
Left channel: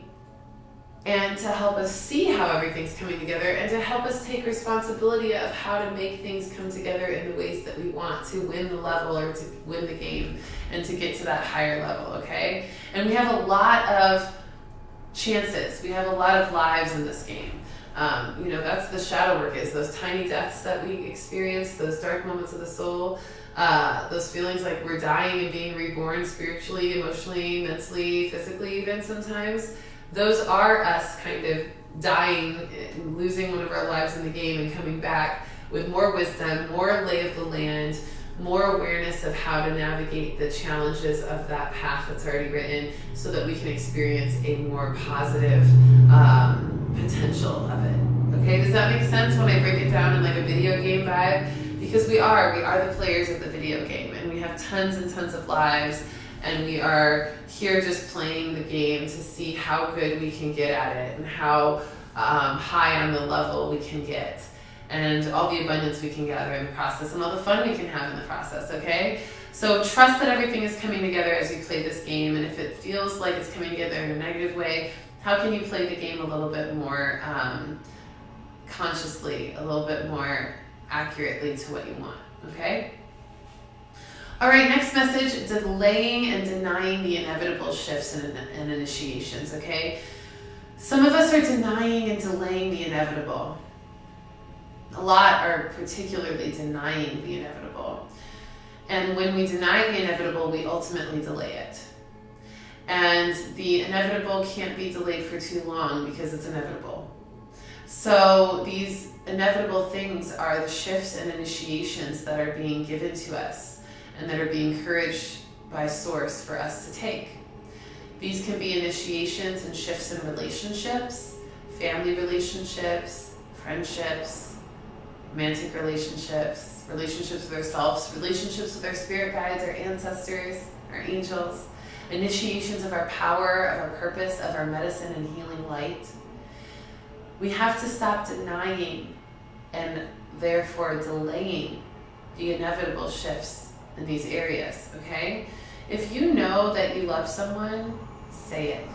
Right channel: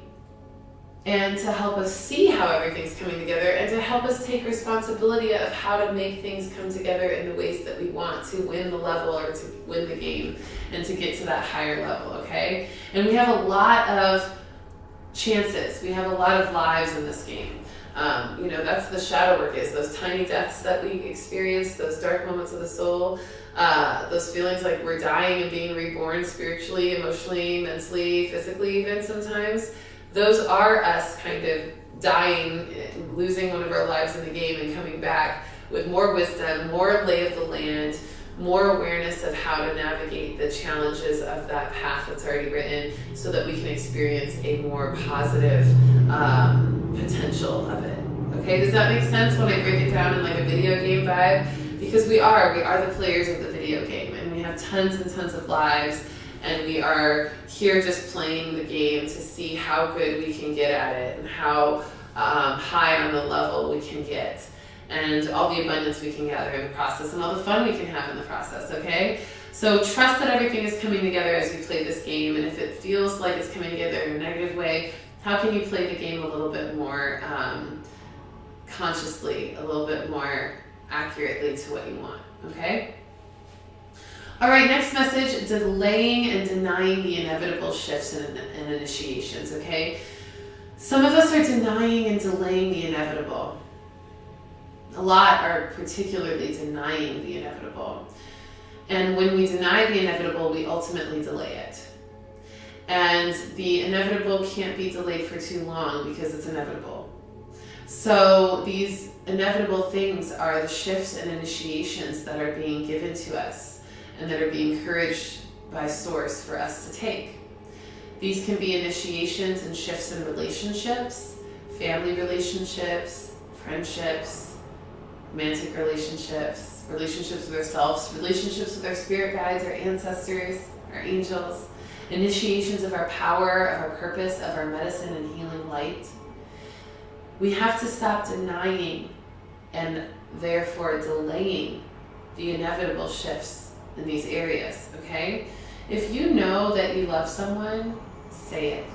And to help us see how everything's coming together, and to help us take responsibility of how to make things come together in the ways that we want to win the level or to win the game and to get to that higher level, okay? And we have a lot of chances. We have a lot of lives in this game. That's the shadow work, is those tiny deaths that we experience, those dark moments of the soul, those feelings like we're dying and being reborn spiritually, emotionally, mentally, physically even sometimes. Those are us kind of dying, losing one of our lives in the game and coming back with more wisdom, more lay of the land, more awareness of how to navigate the challenges of that path that's already written so that we can experience a more positive potential of it. Okay, Okay, does that make sense when I break it down in like a video game vibe? Because we are the players of the video game, and we have tons and tons of lives, and we are here just playing the game to see how good we can get at it and how high on the level we can get, and all the abundance we can gather in the process and all the fun we can have in the process, okay? So trust that everything is coming together as you play this game, and if it feels like it's coming together in a negative way, how can you play the game a little bit more consciously, a little bit more accurately to what you want, okay? All right, next message, delaying and denying the inevitable shifts and initiations, okay? Some of us are denying and delaying the inevitable. A lot are particularly denying the inevitable. And when we deny the inevitable, we ultimately delay it. And the inevitable can't be delayed for too long because it's inevitable. So these inevitable things are the shifts and initiations that are being given to us and that are being encouraged by Source for us to take. These can be initiations and shifts in relationships, family relationships, friendships, romantic relationships, relationships with ourselves, relationships with our spirit guides, our ancestors, our angels, initiations of our power, of our purpose, of our medicine and healing light. We have to stop denying and therefore delaying the inevitable shifts in these areas, okay? If you know that you love someone, say it.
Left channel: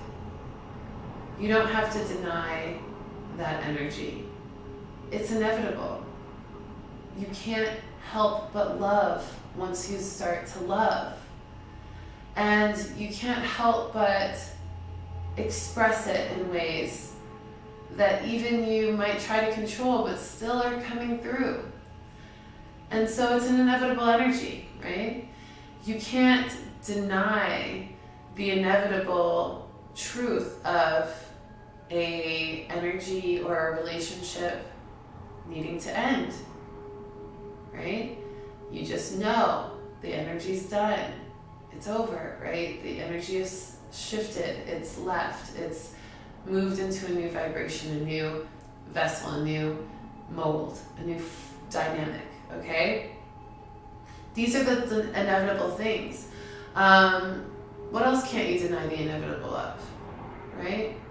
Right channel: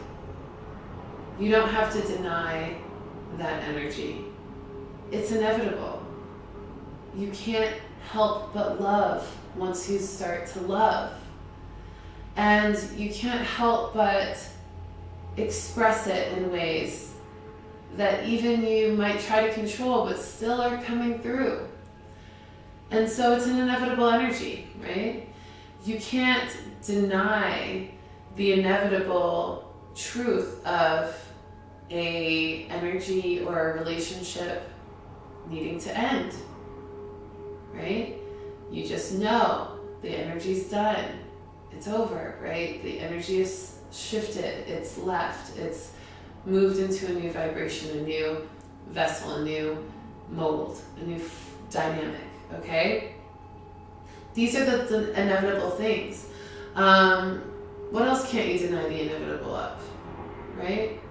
You don't have to deny that energy. It's inevitable. You can't help but love once you start to love. And you can't help but express it in ways that even you might try to control but still are coming through. And so it's an inevitable energy, right? You can't deny the inevitable truth of a energy or a relationship needing to end, right? You just know the energy's done. It's over, right? The energy is shifted, it's left, it's moved into a new vibration, a new vessel, a new mold, a new dynamic, okay? These are the inevitable things. What else can't you deny the inevitable of, right?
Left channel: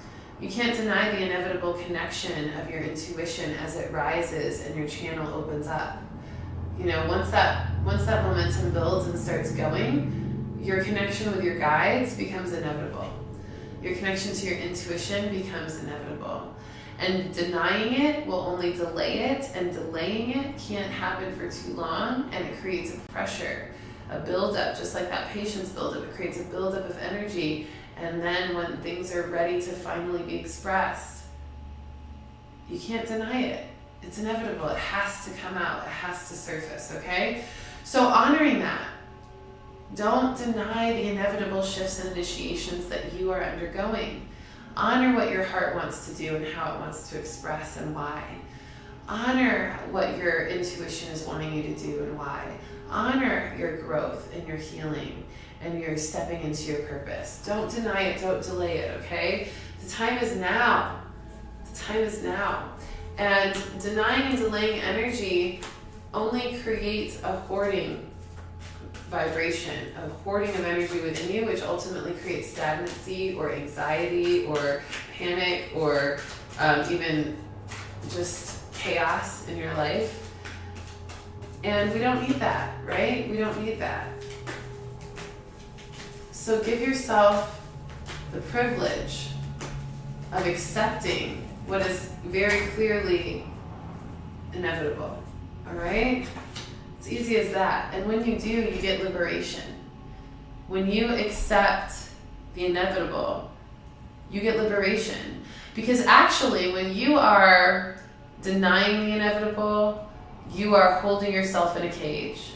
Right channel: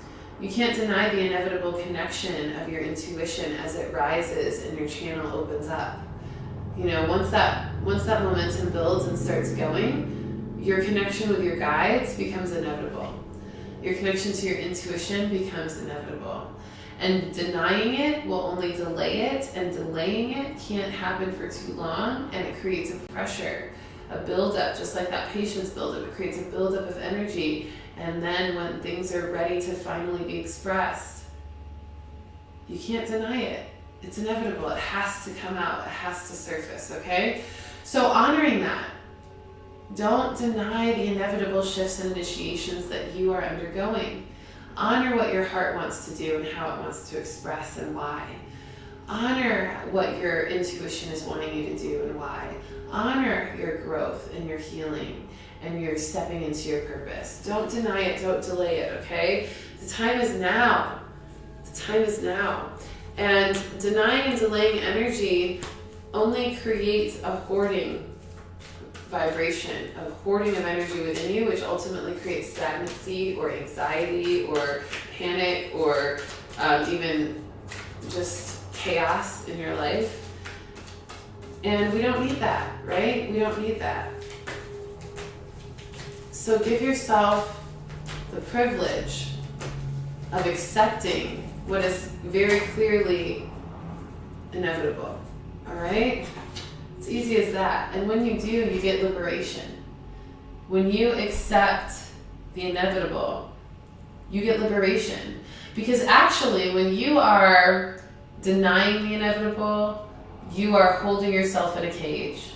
You can't deny the inevitable connection of your intuition as it rises and your channel opens up. You know, once that momentum builds and starts going, your connection with your guides becomes inevitable. Your connection to your intuition becomes inevitable. And denying it will only delay it, and delaying it can't happen for too long, and it creates a pressure, a buildup, just like that patience buildup. It creates a buildup of energy, and then when things are ready to finally be expressed, you can't deny it. It's inevitable. It has to come out. It has to surface, okay? So honoring that. Don't deny the inevitable shifts and initiations that you are undergoing. Honor what your heart wants to do and how it wants to express and why. Honor what your intuition is wanting you to do and why. Honor your growth and your healing and your stepping into your purpose. Don't deny it. Don't delay it, okay? The time is now. The time is now. And denying and delaying energy only creates a hoarding vibration, a hoarding of energy within you, which ultimately creates stagnancy or anxiety or panic or even just chaos in your life. And we don't need that, right? We don't need that. So give yourself the privilege of accepting what is very clearly inevitable, all right? It's easy as that. And when you do, you get liberation. When you accept the inevitable, you get liberation. Because actually, when you are denying the inevitable, you are holding yourself in a cage.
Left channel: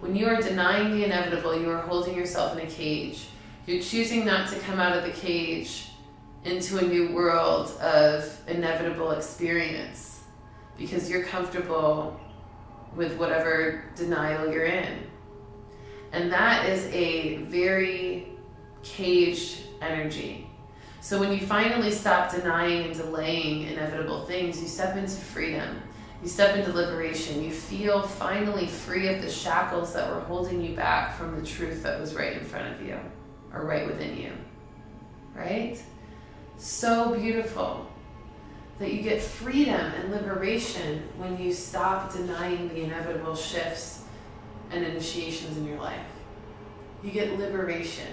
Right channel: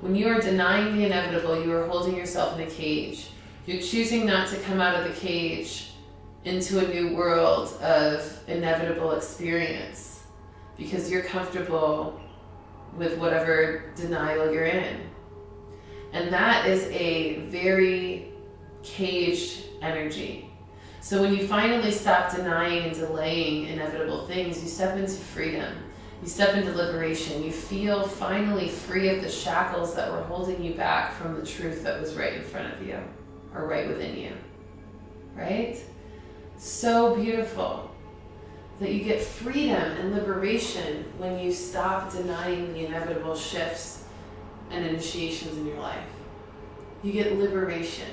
When you are denying the inevitable, you are holding yourself in a cage. You're choosing not to come out of the cage into a new world of inevitable experience because you're comfortable with whatever denial you're in. And that is a very caged energy. So when you finally stop denying and delaying inevitable things, you step into freedom. You step into liberation. You feel finally free of the shackles that were holding you back from the truth that was right in front of you, or right within you, right? So beautiful that you get freedom and liberation when you stop denying the inevitable shifts and initiations in your life. You get liberation.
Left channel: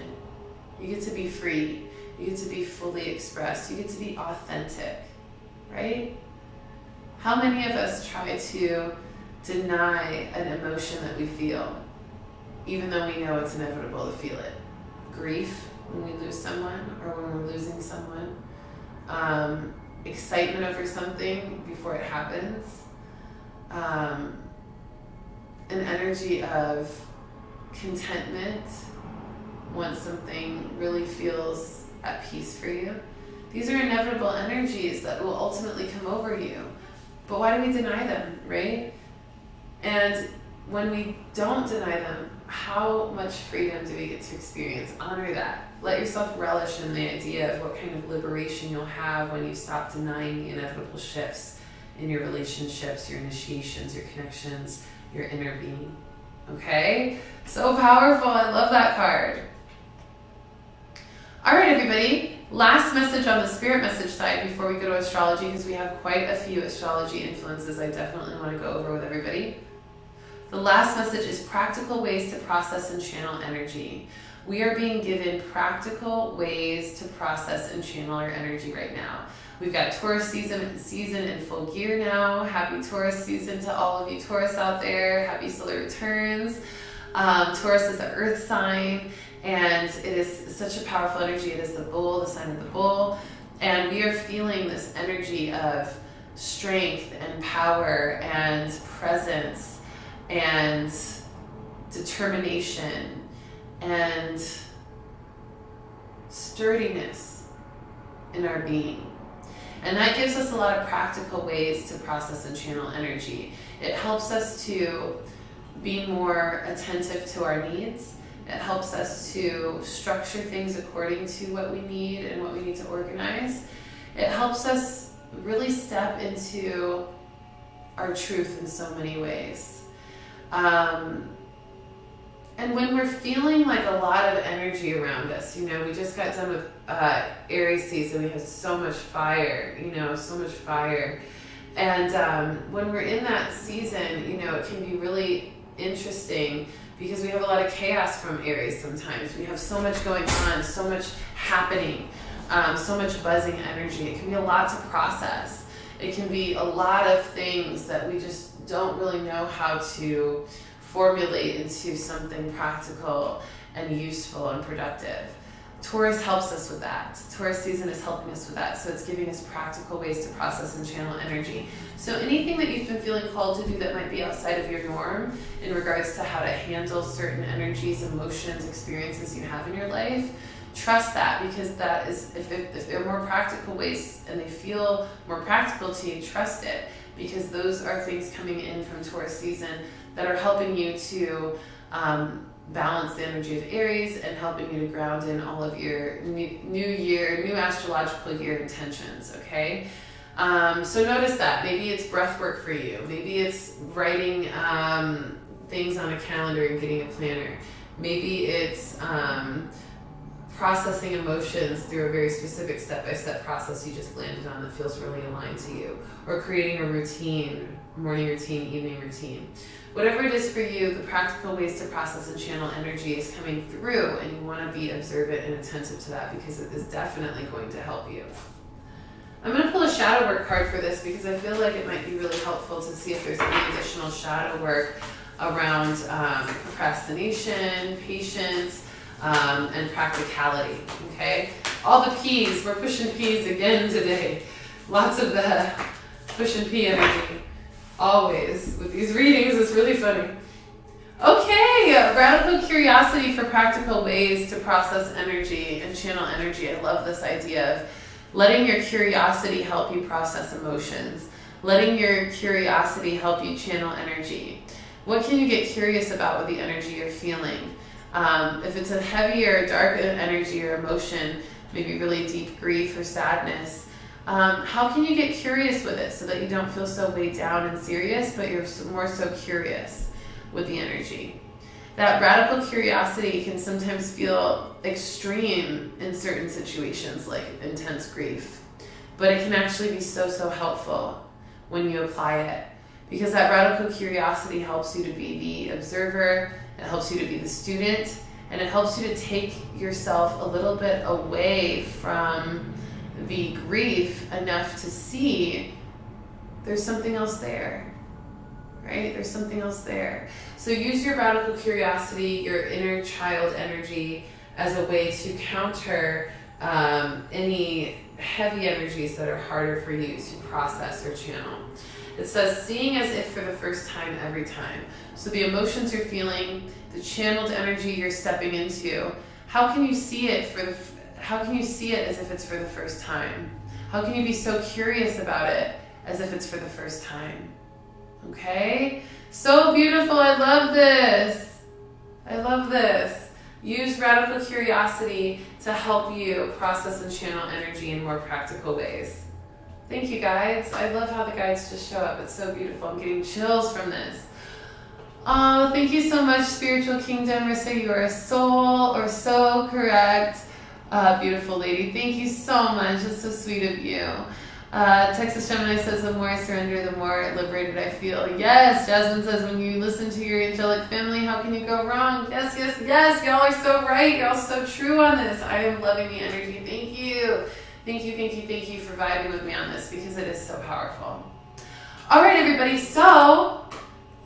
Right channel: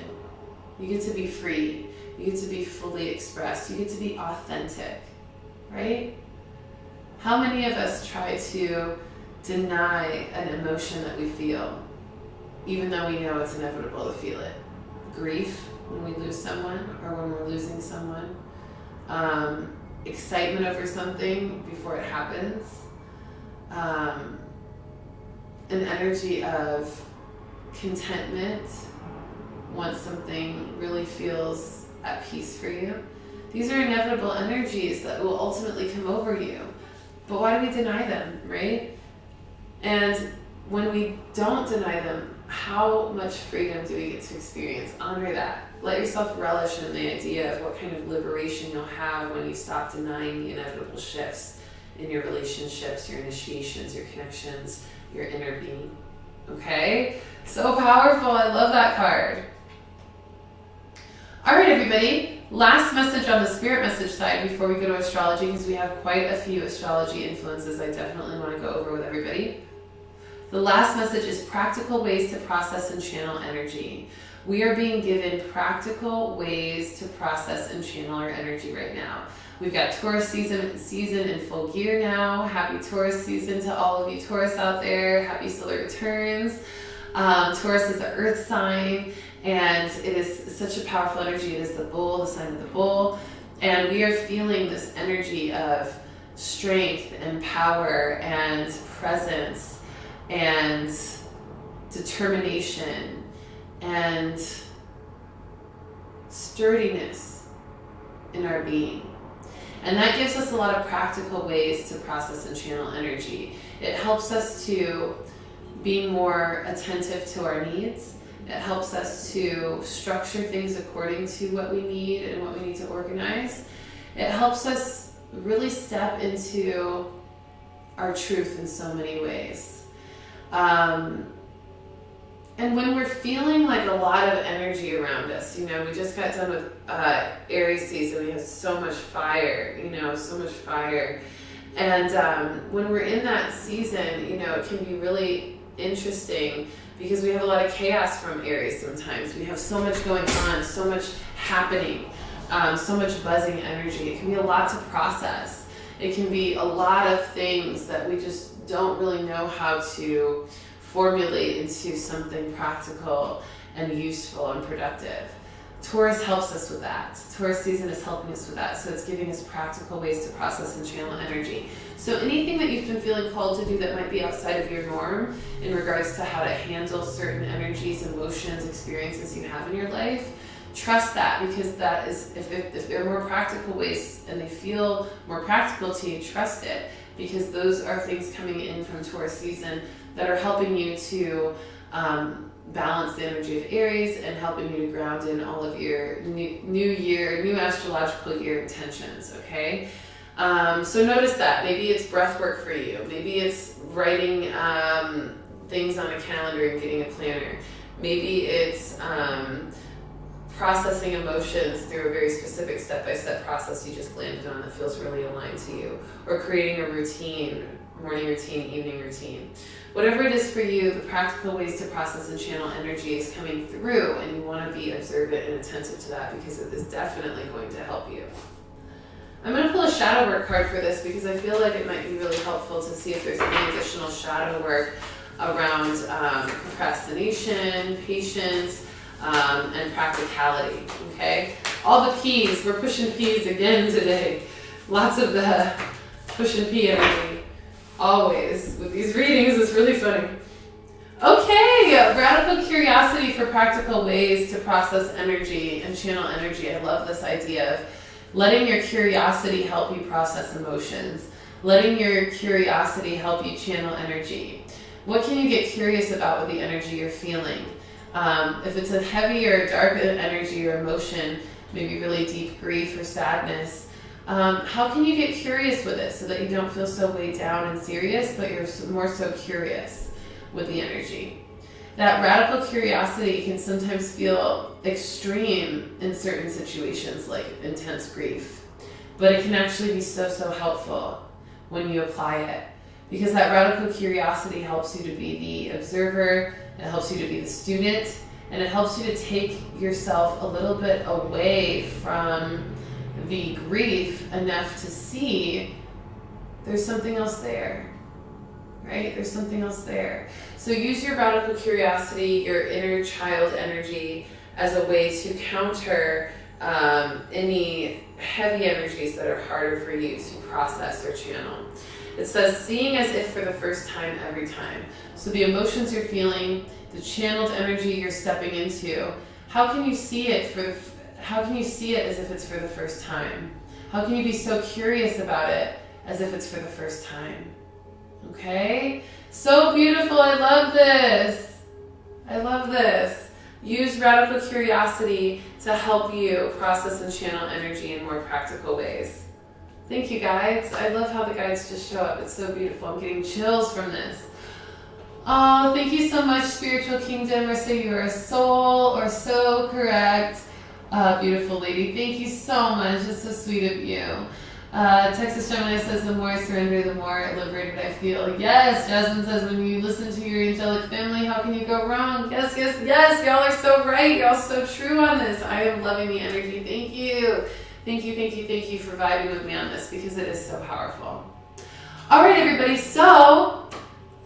You get to be free. You get to be fully expressed. You get to be authentic, right? How many of us try to deny an emotion that we feel, even though we know it's inevitable to feel it? Grief when we lose someone, or when we're losing someone. Excitement over something before it happens. An energy of contentment once something really feels at peace for you. These are inevitable energies that will ultimately come over you. But why do we deny them, right? And when we don't deny them, how much freedom do we get to experience? Honor that. Let yourself relish in the idea of what kind of liberation you'll have when you stop denying the inevitable shifts in your relationships, your initiations, your connections, your inner being. Okay? So powerful. I love that card. All right, everybody. Last message on the spirit message side before we go to astrology, because we have quite a few astrology influences I definitely want to go over with everybody. The last message is practical ways to process and channel energy. We are being given practical ways to process and channel our energy right now. We've got Taurus season in full gear now. Happy Taurus season to all of you Taurus out there. Happy solar returns. Taurus is the earth sign, and it is such a powerful energy. It is the bull, the sign of the bull. And we are feeling this energy of strength and power and presence and determination and sturdiness in our being. And that gives us a lot of practical ways to process and channel energy. It helps us to be more attentive to our needs. It helps us to structure things according to what we need and what we need to organize. It helps us really step into our truth in so many ways. And when we're feeling like a lot of energy around us, you know, we just got done with Aries season. We have so much fire, so much fire. And when we're in that season, it can be really interesting because we have a lot of chaos from Aries sometimes. We have so much going on, so much happening, so much buzzing energy. It can be a lot to process. It can be a lot of things that we just don't really know how to formulate into something practical and useful and productive. Taurus helps us with that. Taurus season is helping us with that. So it's giving us practical ways to process and channel energy. So anything that you've been feeling called to do that might be outside of your norm in regards to how to handle certain energies, emotions, experiences you have in your life, trust that, because that is, if they're more practical ways and they feel more practical to you, trust it, because those are things coming in from Taurus season that are helping you to balance the energy of Aries and helping you to ground in all of your new astrological year intentions, okay? So notice that. Maybe it's breath work for you. Maybe it's writing things on a calendar and getting a planner. Maybe it's processing emotions through a very specific step-by-step process you just landed on that feels really aligned to you. Or creating a routine, morning routine, evening routine. Whatever it is for you, the practical ways to process and channel energy is coming through, and you want to be observant and attentive to that because it is definitely going to help you. I'm going to pull a shadow work card for this because I feel like it might be really helpful to see if there's any additional shadow work around procrastination, patience, and practicality, okay? All the P's, we're pushing P's again today. Lots of the push and P energy. Always with these readings, it's really funny. Okay, radical curiosity for practical ways to process energy and channel energy. I love this idea of letting your curiosity help you process emotions, letting your curiosity help you channel energy. What can you get curious about with the energy you're feeling? If it's a heavier, darker energy or emotion, maybe really deep grief or sadness, how can you get curious with it so that you don't feel so weighed down and serious, but you're more so curious with the energy? That radical curiosity can sometimes feel extreme in certain situations, like intense grief, but it can actually be so, so helpful when you apply it, because that radical curiosity helps you to be the observer, it helps you to be the student, and it helps you to take yourself a little bit away from the grief enough to see there's something else there, right? There's something else there. So use your radical curiosity, your inner child energy, as a way to counter any heavy energies that are harder for you to process or channel. It says, seeing as if for the first time every time. So the emotions you're feeling, the channeled energy you're stepping into, how can you see it as if it's for the first time? How can you be so curious about it as if it's for the first time? Okay? So beautiful. I love this. I love this. Use radical curiosity to help you process and channel energy in more practical ways. Thank you, guides. I love how the guides just show up. It's so beautiful. I'm getting chills from this. Oh, thank you so much, Spiritual Kingdom. Rissa, you are a soul, or so correct. Beautiful lady. Thank you so much. It's so sweet of you. Texas Gemini says, the more I surrender, the more liberated I feel. Yes, Jasmine says, when you listen to your angelic family, how can you go wrong? Yes, yes, yes. Y'all are so right. Y'all so true on this. I am loving the energy. Thank you. Thank you, thank you, thank you for vibing with me on this, because it is so powerful. All right, everybody. So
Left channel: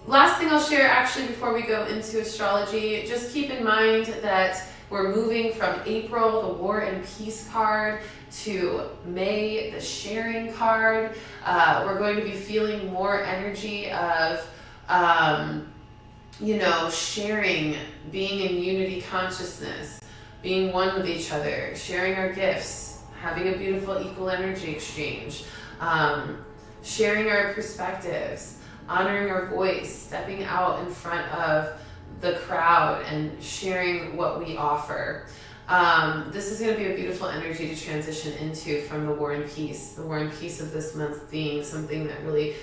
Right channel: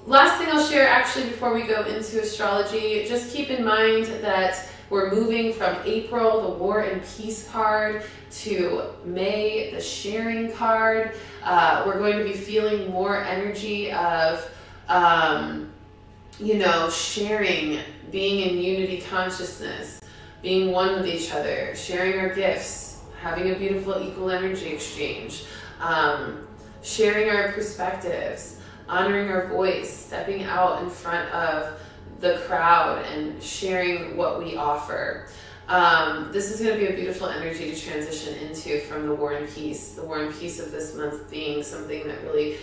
last thing I'll share actually before we go into astrology, just keep in mind that we're moving from April, the War and Peace card, to May, the Sharing card. We're going to be feeling more energy of, sharing, being in unity consciousness, being one with each other, sharing our gifts, having a beautiful equal energy exchange, sharing our perspectives, honoring our voice, stepping out in front of the crowd and sharing what we offer. This is going to be a beautiful energy to transition into from the War and Peace. The War and Peace of this month being something that really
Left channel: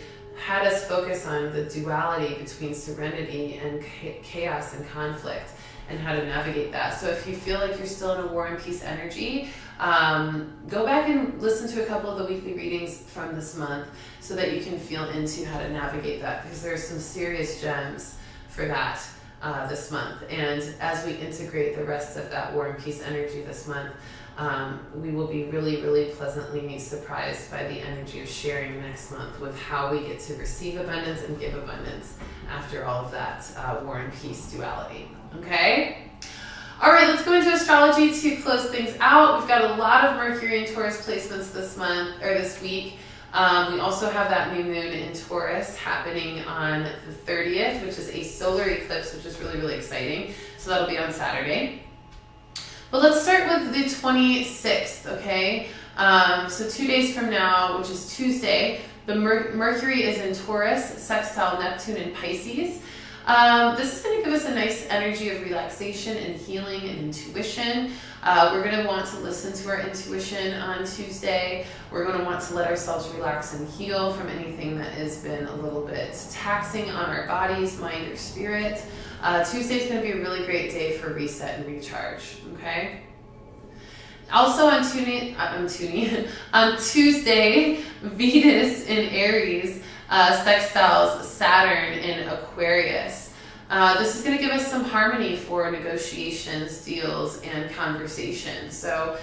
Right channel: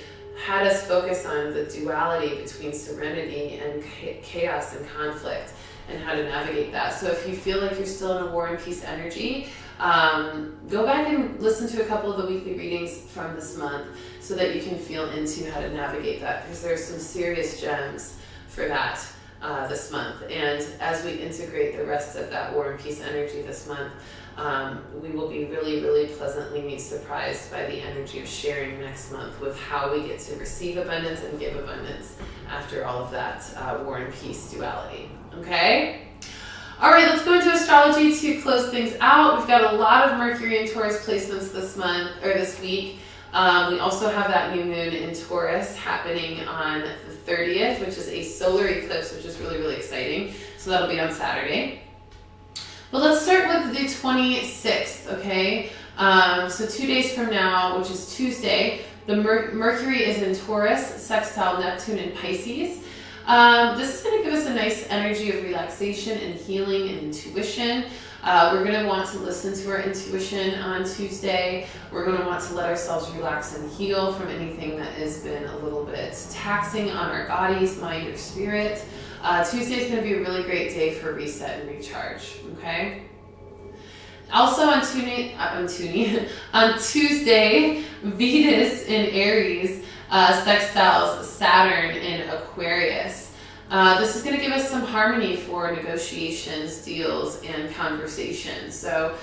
had us focus on the duality between serenity and chaos and conflict, and how to navigate that. So if you feel like you're still in a War and Peace energy, go back and listen to a couple of the weekly readings from this month so that you can feel into how to navigate that, because there's some serious gems for that this month. And as we integrate the rest of that War and Peace energy this month, we will be really, really pleasantly surprised by the energy of sharing next month, with how we get to receive abundance and give abundance after all of that War and Peace duality. Okay? All right, let's go into astrology to close things out. We've got a lot of Mercury and Taurus placements this week. We also have that new moon in Taurus happening on the 30th, which is a solar eclipse, which is really, really exciting. So that'll be on Saturday. But let's start with the 26th, okay? So 2 days from now, which is Tuesday, the Mercury is in Taurus, sextile Neptune in Pisces. This is going to give us a nice energy of relaxation and healing and intuition. We're going to want to listen to our intuition on Tuesday. We're going to want to let ourselves relax and heal from anything that has been a little bit taxing on our bodies, mind, or spirit. Tuesday is going to be a really great day for reset and recharge, okay? Also on Tuesday, Venus in Aries sextiles Saturn in Aquarius. This is going to give us some harmony for negotiations, deals, and conversations. So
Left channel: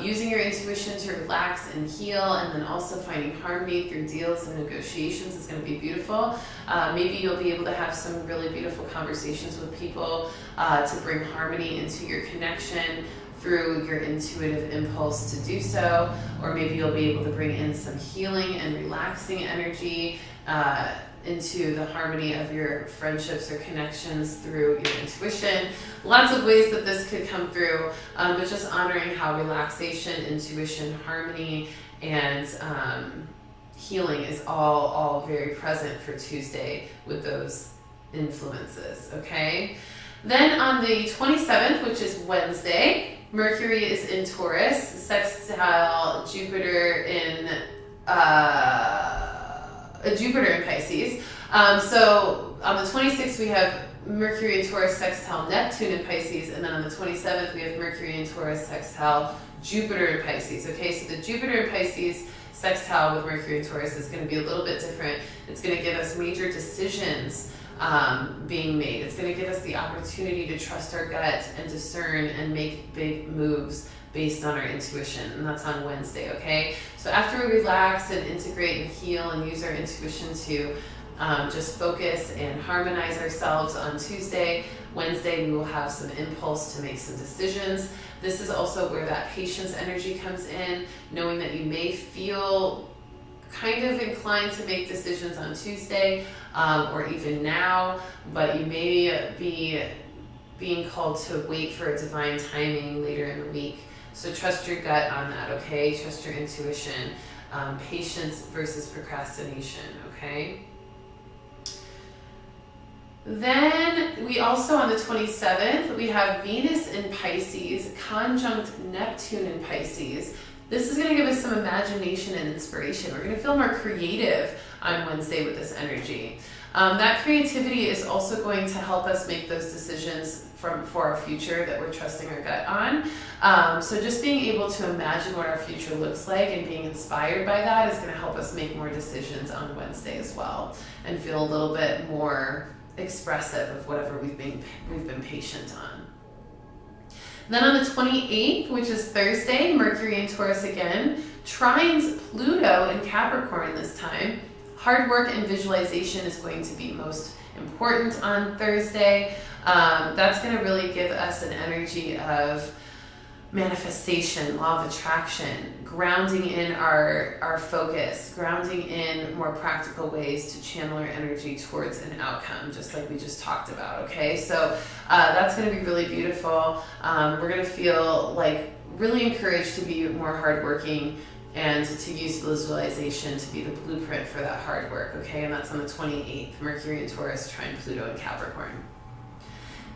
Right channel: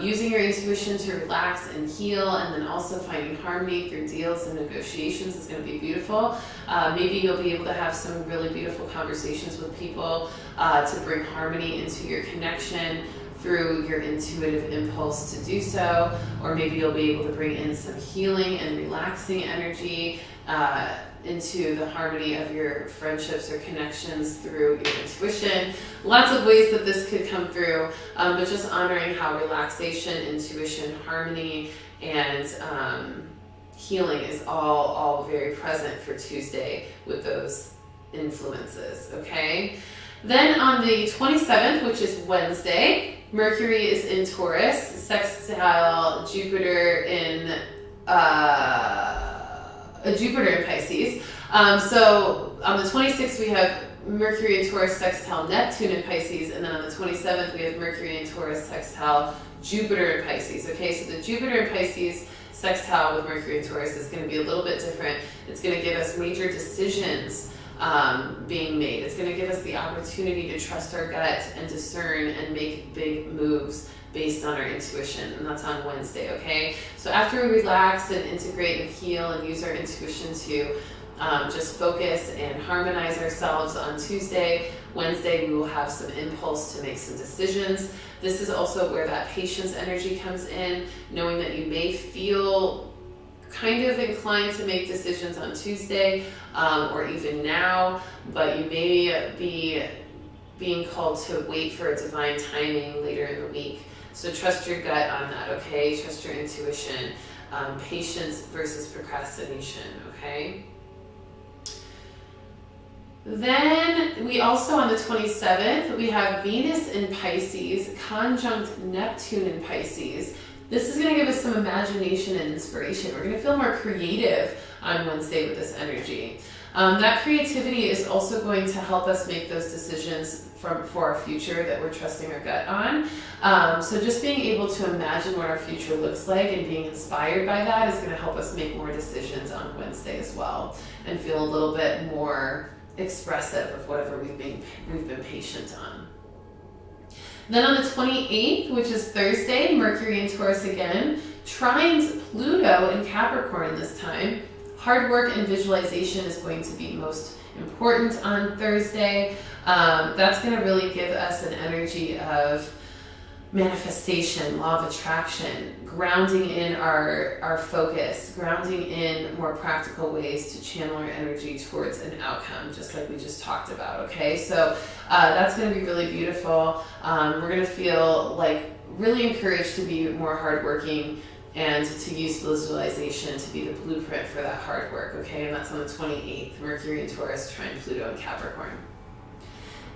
using your intuition to relax and heal, and then also finding harmony through deals and negotiations is going to be beautiful. Maybe you'll be able to have some really beautiful conversations with people to bring harmony into your connection through your intuitive impulse to do so, or maybe you'll be able to bring in some healing and relaxing energy into the harmony of your friendships or connections through your intuition. Lots of ways that this could come through, but just honoring how relaxation, intuition, harmony, and healing is all very present for Tuesday with those influences, okay? Then on the 27th, which is Wednesday, Mercury is in Taurus, sextile Jupiter in Pisces. So on the 26th, we have Mercury in Taurus sextile Neptune in Pisces, and then on the 27th, we have Mercury in Taurus sextile Jupiter in Pisces. Okay, so the Jupiter in Pisces sextile with Mercury in Taurus is going to be a little bit different. It's going to give us major decisions being made. It's going to give us the opportunity to trust our gut and discern and make big moves based on our intuition, and that's on Wednesday, okay? So after we relax and integrate and heal and use our intuition to just focus and harmonize ourselves on Tuesday, Wednesday we will have some impulse to make some decisions. This is also where that patience energy comes in, knowing that you may feel kind of inclined to make decisions on Tuesday or even now, but you may be being called to wait for a divine timing later in the week. So trust your gut on that, okay? Trust your intuition. Patience versus procrastination, okay? Then we also, on the 27th, we have Venus in Pisces, conjunct Neptune in Pisces. This is going to give us some imagination and inspiration. We're going to feel more creative on Wednesday with this energy. That creativity is also going to help us make those decisions for our future that we're trusting our gut on. So just being able to imagine what our future looks like and being inspired by that is going to help us make more decisions on Wednesday as well, and feel a little bit more expressive of whatever we've been patient on. Then on the 28th, which is Thursday, Mercury in Taurus again, trines Pluto in Capricorn this time. Hard work and visualization is going to be most important on Thursday. That's going to really give us an energy of manifestation, law of attraction, grounding in our focus, grounding in more practical ways to channel our energy towards an outcome, just like we just talked about, okay? So that's going to be really beautiful. We're going to feel like really encouraged to be more hardworking and to use visualization to be the blueprint for that hard work, okay? And that's on the 28th, Mercury in Taurus, trine Pluto in Capricorn.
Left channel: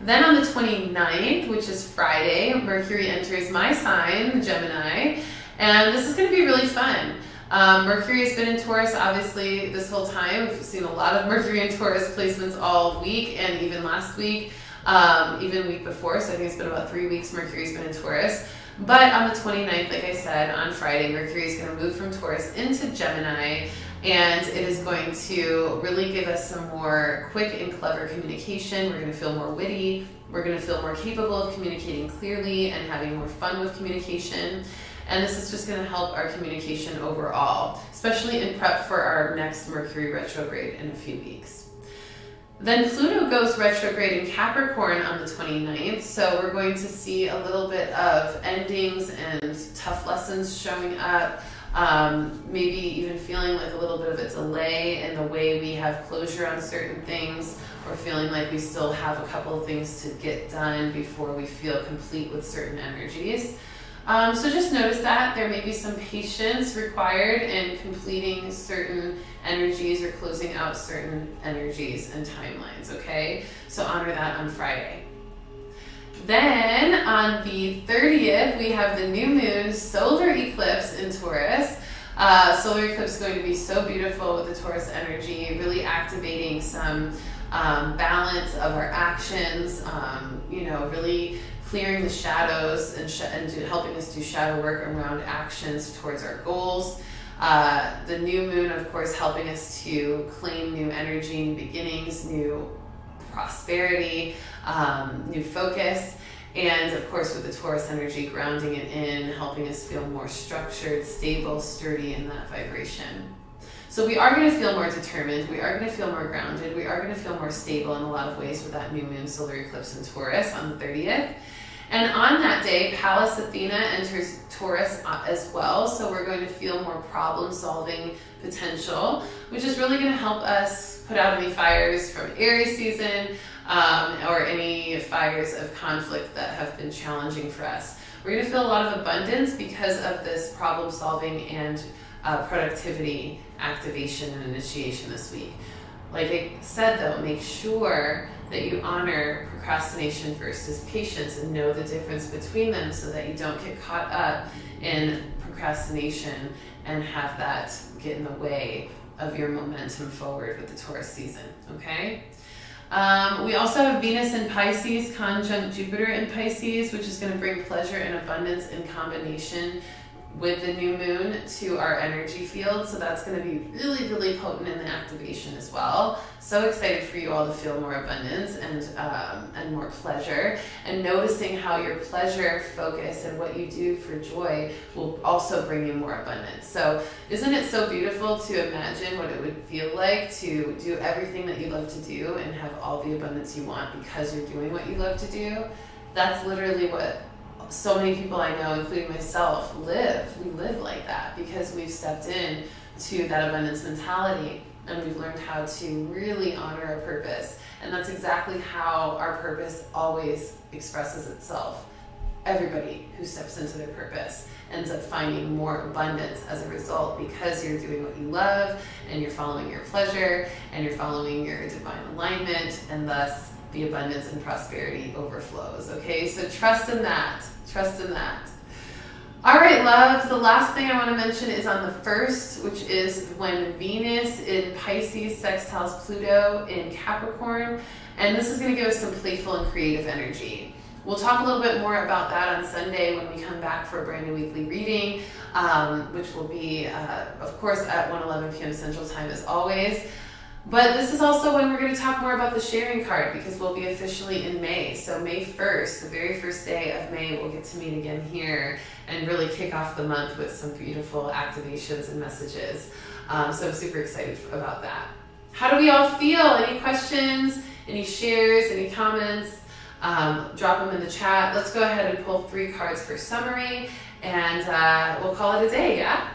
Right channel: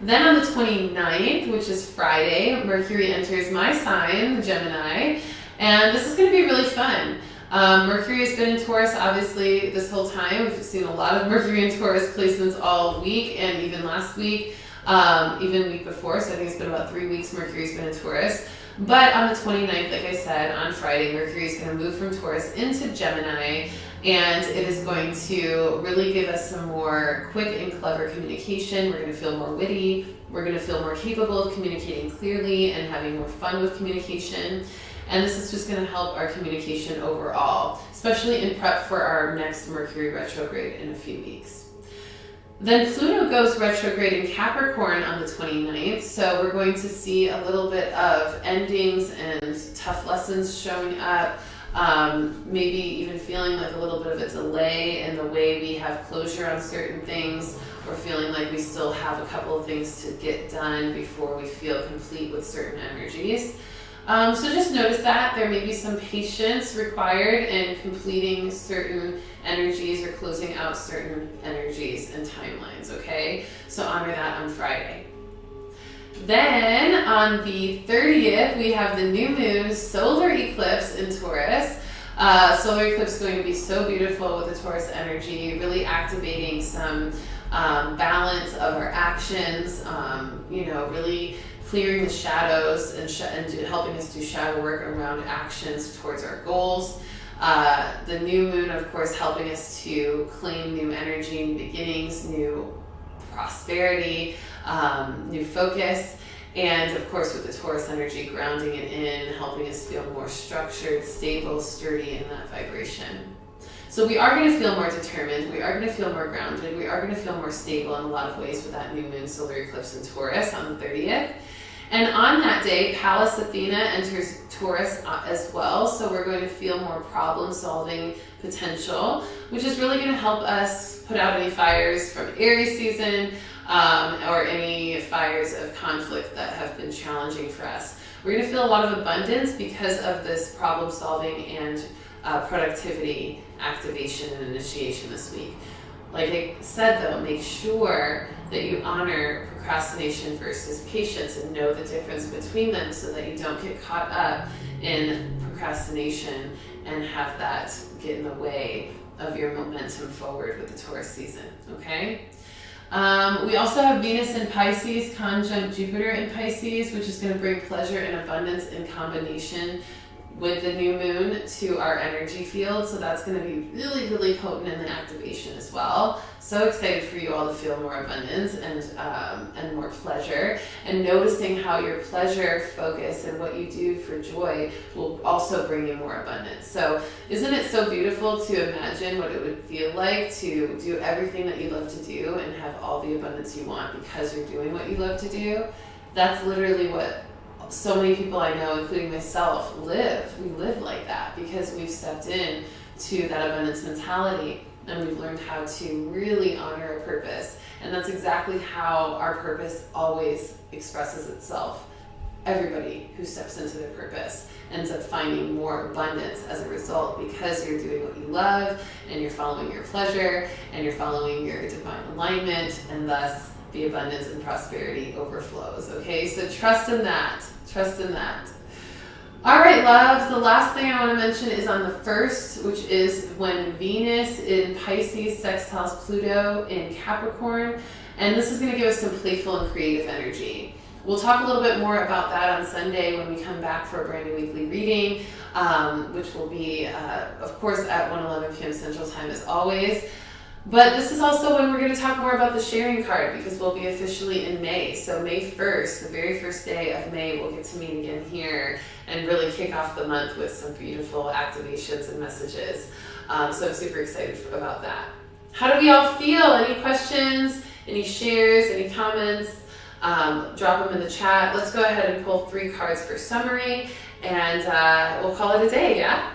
Then on the 29th, which is Friday, Mercury enters my sign, Gemini, and this is going to be really fun. Mercury has been in Taurus, obviously, this whole time. We've seen a lot of Mercury in Taurus placements all week, and even last week, even week before, so I think it's been about 3 weeks Mercury's been in Taurus. But on the 29th, like I said, on Friday, Mercury is going to move from Taurus into Gemini, and it is going to really give us some more quick and clever communication. We're going to feel more witty. We're going to feel more capable of communicating clearly and having more fun with communication. And this is just going to help our communication overall, especially in prep for our next Mercury retrograde in a few weeks. Then Pluto goes retrograde in Capricorn on the 29th, so we're going to see a little bit of endings and tough lessons showing up, maybe even feeling like a little bit of a delay in the way we have closure on certain things, or feeling like we still have a couple of things to get done before we feel complete with certain energies. So just notice that there may be some patience required in completing certain energies or closing out certain energies and timelines, okay? So honor that on Friday. Then on the 30th, we have the new moon solar eclipse in Taurus. Solar eclipse is going to be so beautiful with the Taurus energy, really activating some balance of our actions, really clearing the shadows and helping us do shadow work around actions towards our goals. The new moon, of course, helping us to claim new energy, new beginnings, new prosperity, new focus. And of course, with the Taurus energy, grounding it in, helping us feel more structured, stable, sturdy in that vibration. So we are going to feel more determined, we are going to feel more grounded, we are going to feel more stable in a lot of ways with that new moon solar eclipse in Taurus on the 30th. And on that day, Pallas Athena enters Taurus as well, so we're going to feel more problem-solving potential, which is really going to help us put out any fires from Aries season or any fires of conflict that have been challenging for us. We're going to feel a lot of abundance because of this problem-solving and productivity activation and initiation this week. Like I said though, make sure that you honor procrastination versus patience and know the difference between them so that you don't get caught up in procrastination and have that get in the way of your momentum forward with the Taurus season, okay? We also have Venus in Pisces conjunct Jupiter in Pisces, which is going to bring pleasure and abundance in combination with the new moon to our energy field. So that's going to be really, really potent in the activation as well. So excited for you all to feel more abundance and more pleasure, and noticing how your pleasure focus and what you do for joy will also bring you more abundance. So isn't it so beautiful to imagine what it would feel like to do everything that you love to do and have all the abundance you want because you're doing what you love to do? That's literally what so many people I know, including myself, live. We live like that because we've stepped in to that abundance mentality and we've learned how to really honor our purpose. And that's exactly how our purpose always expresses itself. Everybody who steps into their purpose ends up finding more abundance as a result because you're doing what you love and you're following your pleasure and you're following your divine alignment, and thus the abundance and prosperity overflows, okay? So trust in that. Trust in that. All right, loves, the last thing I want to mention is on the 1st, which is when Venus in Pisces sextiles Pluto in Capricorn, and this is going to give us some playful and creative energy. We'll talk a little bit more about that on Sunday when we come back for a brand new weekly reading, which will be, of course, at 1:11 p.m. Central Time as always. But this is also when we're going to talk more about the sharing card, because we'll be officially in May. So May 1st, the very first day of May, we'll get to meet again here and really kick off the month with some beautiful activations and messages. So I'm super excited about that. How do we all feel? Any questions, any shares, any comments? Drop them in the chat. Let's go ahead and pull 3 cards for summary, and we'll call it a day, yeah?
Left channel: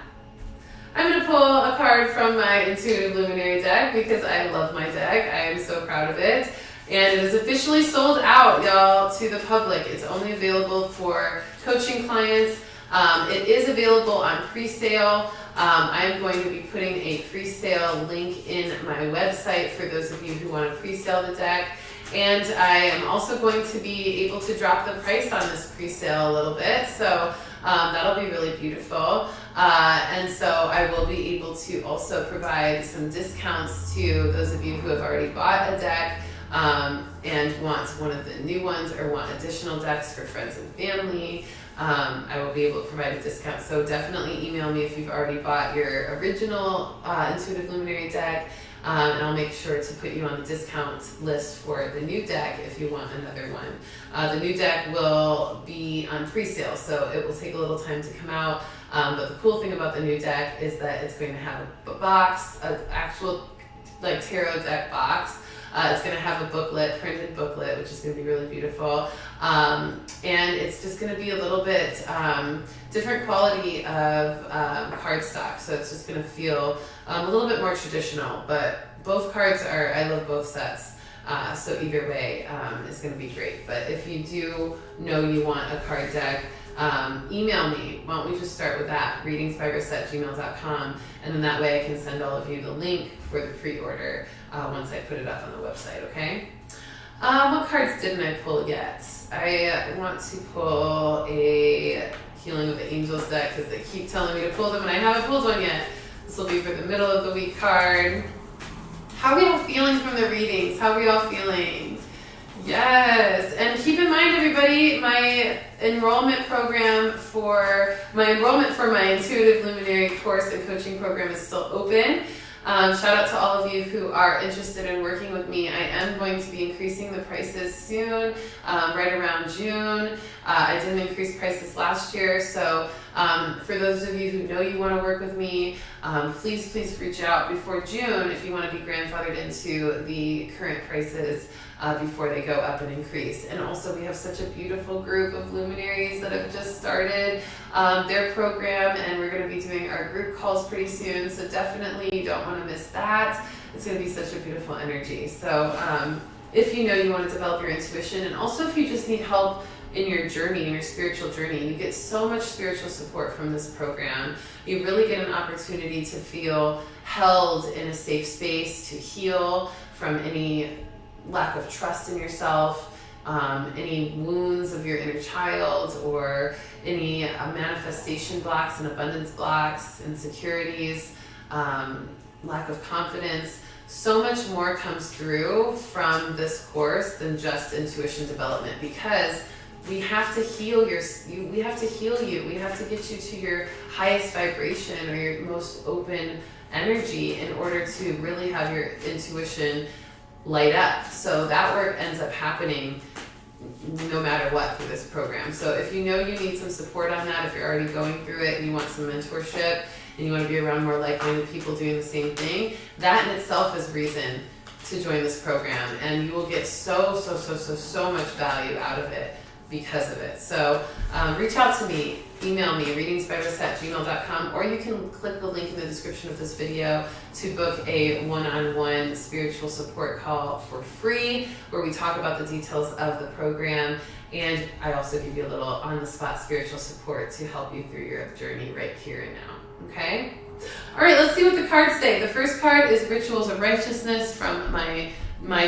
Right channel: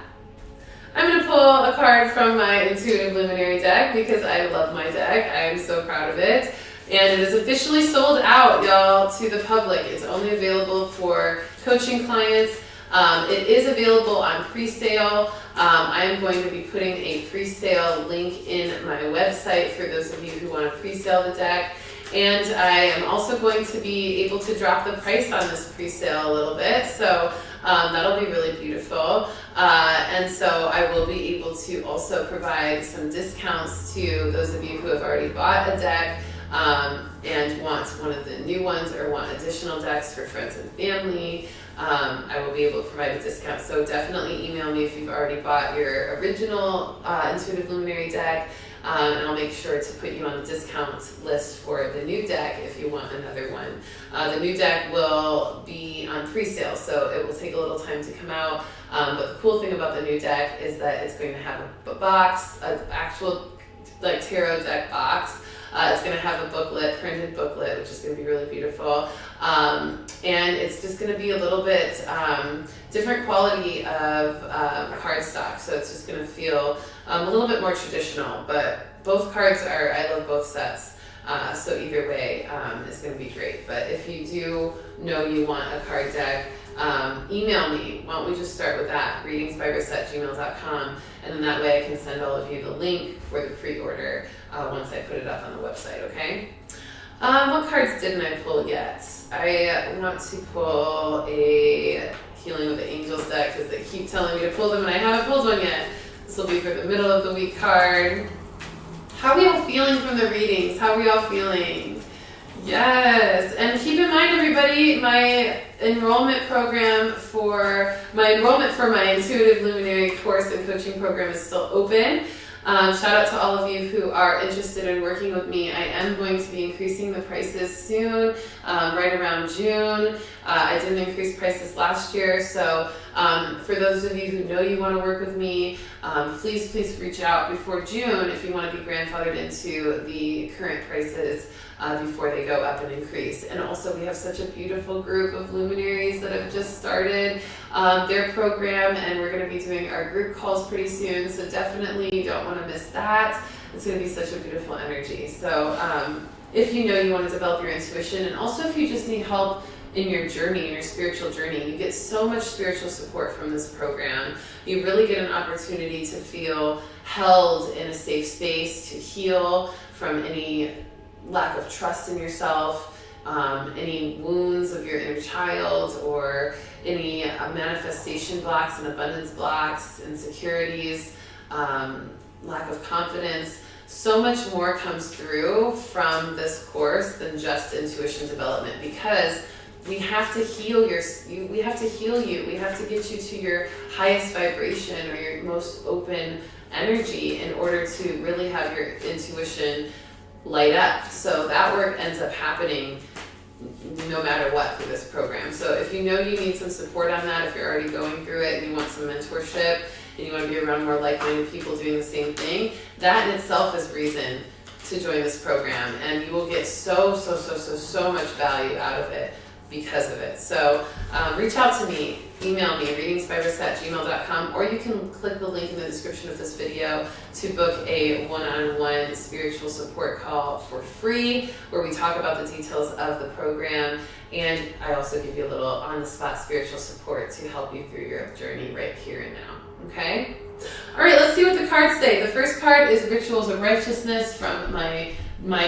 I'm going to pull a card from my Intuitive Luminary deck because I love my deck. I am so proud of it. And it is officially sold out, y'all, to the public. It's only available for coaching clients. It is available on pre-sale. I am going to be putting a pre-sale link in my website for those of you who want to pre-sale the deck. And I am also going to be able to drop the price on this pre-sale a little bit. So that'll be really beautiful. And so I will be able to also provide some discounts to those of you who have already bought a deck and want one of the new ones or want additional decks for friends and family. I will be able to provide a discount. So definitely email me if you've already bought your original Intuitive Luminary deck. And I'll make sure to put you on the discount list for the new deck if you want another one. The new deck will be on pre-sale, so it will take a little time to come out. But the cool thing about the new deck is that it's going to have a box, an actual like tarot deck box. It's going to have a booklet, printed booklet, which is going to be really beautiful. And it's just going to be a little bit different quality of cardstock. So it's just going to feel a little bit more traditional. But both cards are, I love both sets. So either way is going to be great. But if you do know you want a card deck, email me. Why don't we just start with that? readingsbyrissa@gmail.com. And then that way I can send all of you the link for the pre-order once I put it up on the website, okay? What cards didn't I pull yet? I want to pull a Healing with the Angels deck because they keep telling me to pull them and I haven't pulled one yet. This will be for the middle of the week card. How are we all feeling from the readings? How are we all feeling? Yes, and keep in mind, everybody, my enrollment for my Intuitive Luminary course and coaching program is still open. Shout out to all of you who are interested in working with me. I am going to be increasing the prices soon, right around June. I didn't increase prices last year, so for those of you who know you want to work with me, please reach out before June if you want to be grandfathered into the current prices before they go up and increase. And also we have such a beautiful group of luminaries that have just started their program, and we're going to be doing our group calls pretty soon, so definitely you don't want to miss that. It's going to be such a beautiful energy. So if you know you want to develop your intuition, and also if you just need help in your journey, in your spiritual journey. You get so much spiritual support from this program. You really get an opportunity to feel held in a safe space, to heal from any lack of trust in yourself, any wounds of your inner child, or any manifestation blocks and abundance blocks, insecurities, lack of confidence. So much more comes through from this course than just intuition development, because we have to heal we have to heal you. We have to get you to your highest vibration or your most open energy in order to really have your intuition light up. So that work ends up happening no matter what through this program. So if you know you need some support on that, if you're already going through it and you want some mentorship and you want to be around more like-minded people doing the same thing, that in itself is reason to join this program, and you will get so much value out of it because of it. So reach out to me, email me, readingsbyrissa@gmail.com, or you can click the link in the description of this video to book a one-on-one spiritual support call for free, where we talk about the details of the program, and I also give you a little on-the-spot spiritual support to help you through your journey right here and now, okay? All right, let's see what the cards say. The first card is Rituals of Righteousness from my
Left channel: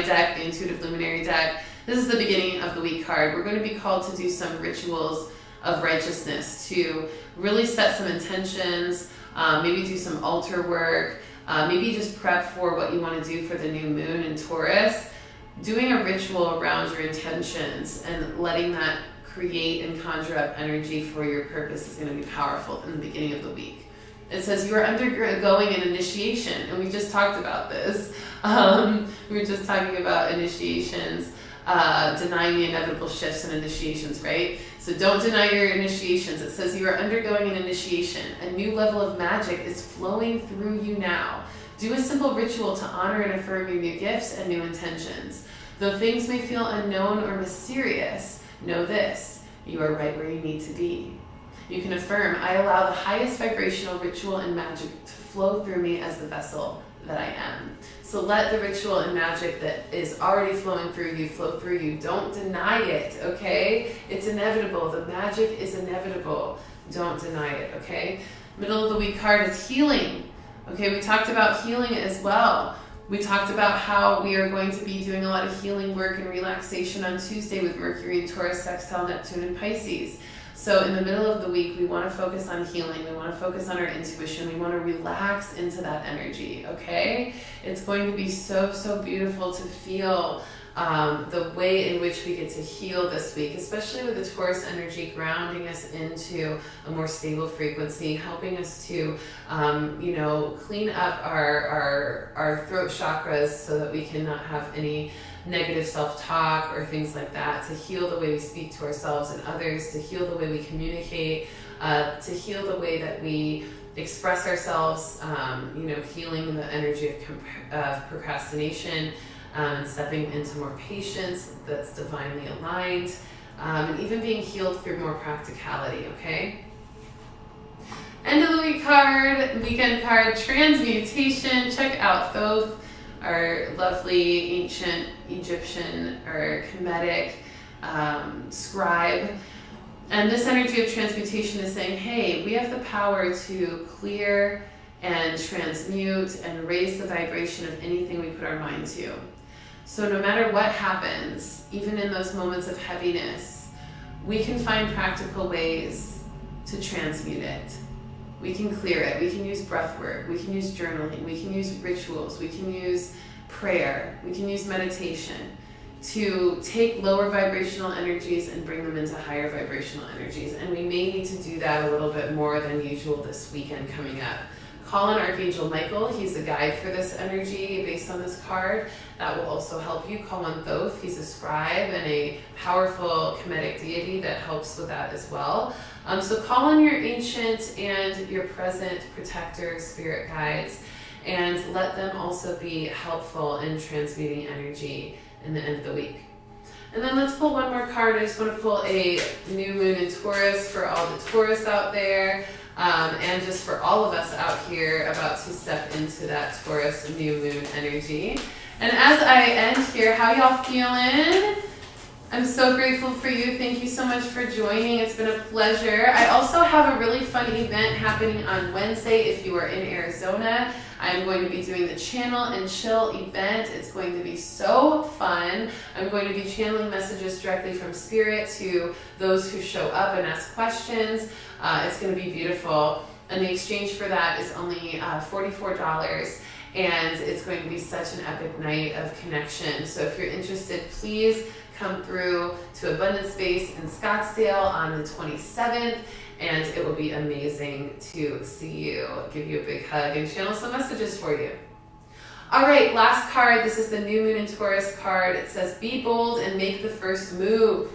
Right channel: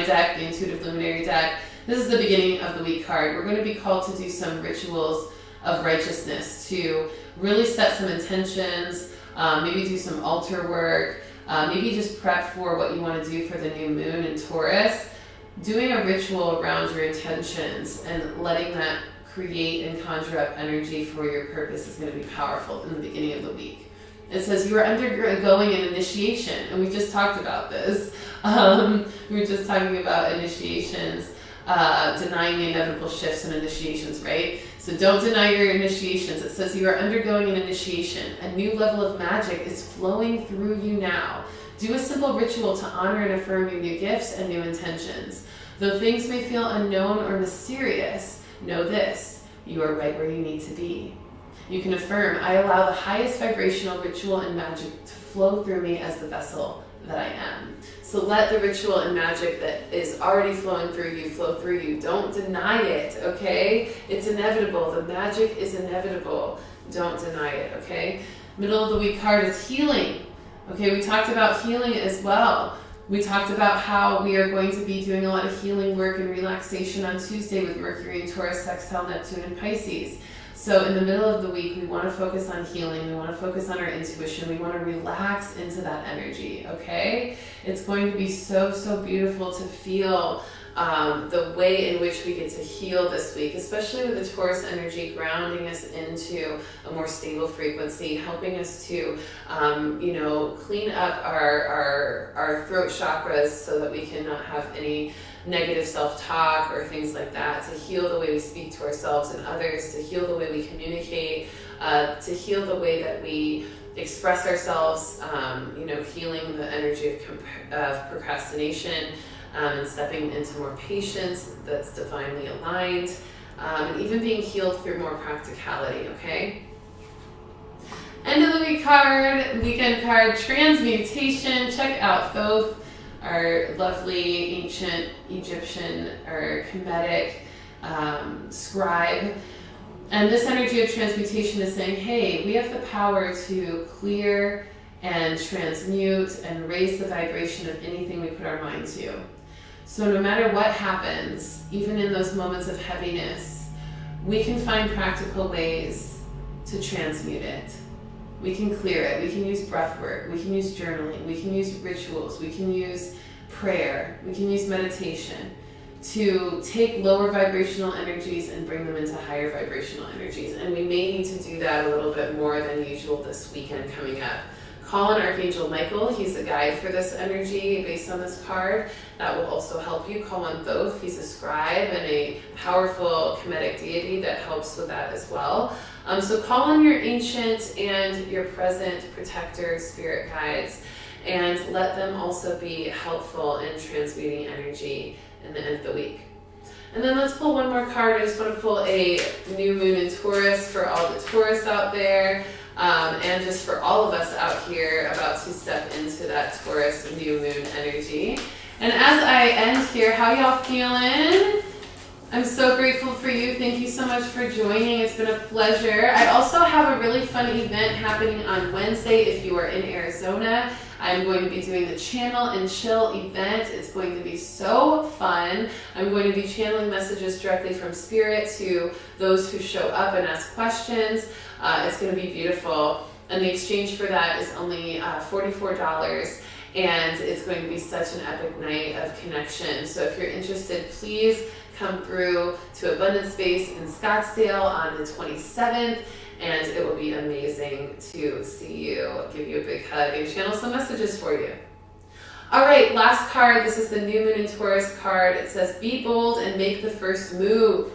deck, the Intuitive Luminary deck. This is the beginning of the week card. We're going to be called to do some rituals of righteousness, to really set some intentions, maybe do some altar work, maybe just prep for what you want to do for the new moon in Taurus. Doing a ritual around your intentions and letting that create and conjure up energy for your purpose is going to be powerful in the beginning of the week. It says you are undergoing an initiation, and we just talked about this. We were just talking about initiations, denying the inevitable shifts and initiations, right? So don't deny your initiations. It says you are undergoing an initiation. A new level of magic is flowing through you now. Do a simple ritual to honor and affirm your new gifts and new intentions. Though things may feel unknown or mysterious, know this: you are right where you need to be. You can affirm, I allow the highest vibrational ritual and magic to flow through me as the vessel that I am. So let the ritual and magic that is already flowing through you flow through you. Don't deny it, okay? It's inevitable. The magic is inevitable. Don't deny it, okay? Middle of the week card is healing. Okay, we talked about healing as well. We talked about how we are going to be doing a lot of healing work and relaxation on Tuesday with Mercury and Taurus, sextile Neptune and Pisces. So in the middle of the week, we want to focus on healing. We want to focus on our intuition. We want to relax into that energy, okay? It's going to be so beautiful to feel the way in which we get to heal this week, especially with the Taurus energy grounding us into a more stable frequency, helping us to, clean up our throat chakras so that we cannot have any negative self-talk or things like that, to heal the way we speak to ourselves and others, to heal the way we communicate, to heal the way that we express ourselves, healing the energy of procrastination, and stepping into more patience that's divinely aligned, and even being healed through more practicality, okay? End of the week card, weekend card, transmutation. Check out Thoth, our lovely ancient Egyptian or Kemetic scribe. And this energy of transmutation is saying, hey, we have the power to clear and transmute and raise the vibration of anything we put our mind to. So no matter what happens, even in those moments of heaviness, we can find practical ways to transmute it. We can clear it. We can use breath work. We can use journaling. We can use rituals. We can use prayer. We can use meditation to take lower vibrational energies and bring them into higher vibrational energies. And we may need to do that a little bit more than usual this weekend coming up. Call on Archangel Michael. He's a guide for this energy based on this card. That will also help you. Call on Thoth. He's a scribe and a powerful Kemetic deity that helps with that as well. So call on your ancient and your present protector spirit guides, and let them also be helpful in transmuting energy in the end of the week. And then let's pull one more card. I just want to pull a new moon in Taurus for all the Taurus out there. And just for all of us out here about to step into that Taurus new moon energy. And as I end here, how y'all feeling? I'm so grateful for you. Thank you so much for joining. It's been a pleasure. I also have a really fun event happening on Wednesday if you are in Arizona. I'm going to be doing the Channel and Chill event. It's going to be so fun. I'm going to be channeling messages directly from Spirit to those who show up and ask questions. It's going to be beautiful. And the exchange for that is only $44. And it's going to be such an epic night of connection. So if you're interested, please come through to Abundance Space in Scottsdale on the 27th, and it will be amazing to see you, give you a big hug, and channel some messages for you. All right, last card. This is the New Moon in Taurus card. It says, be bold and make the first move.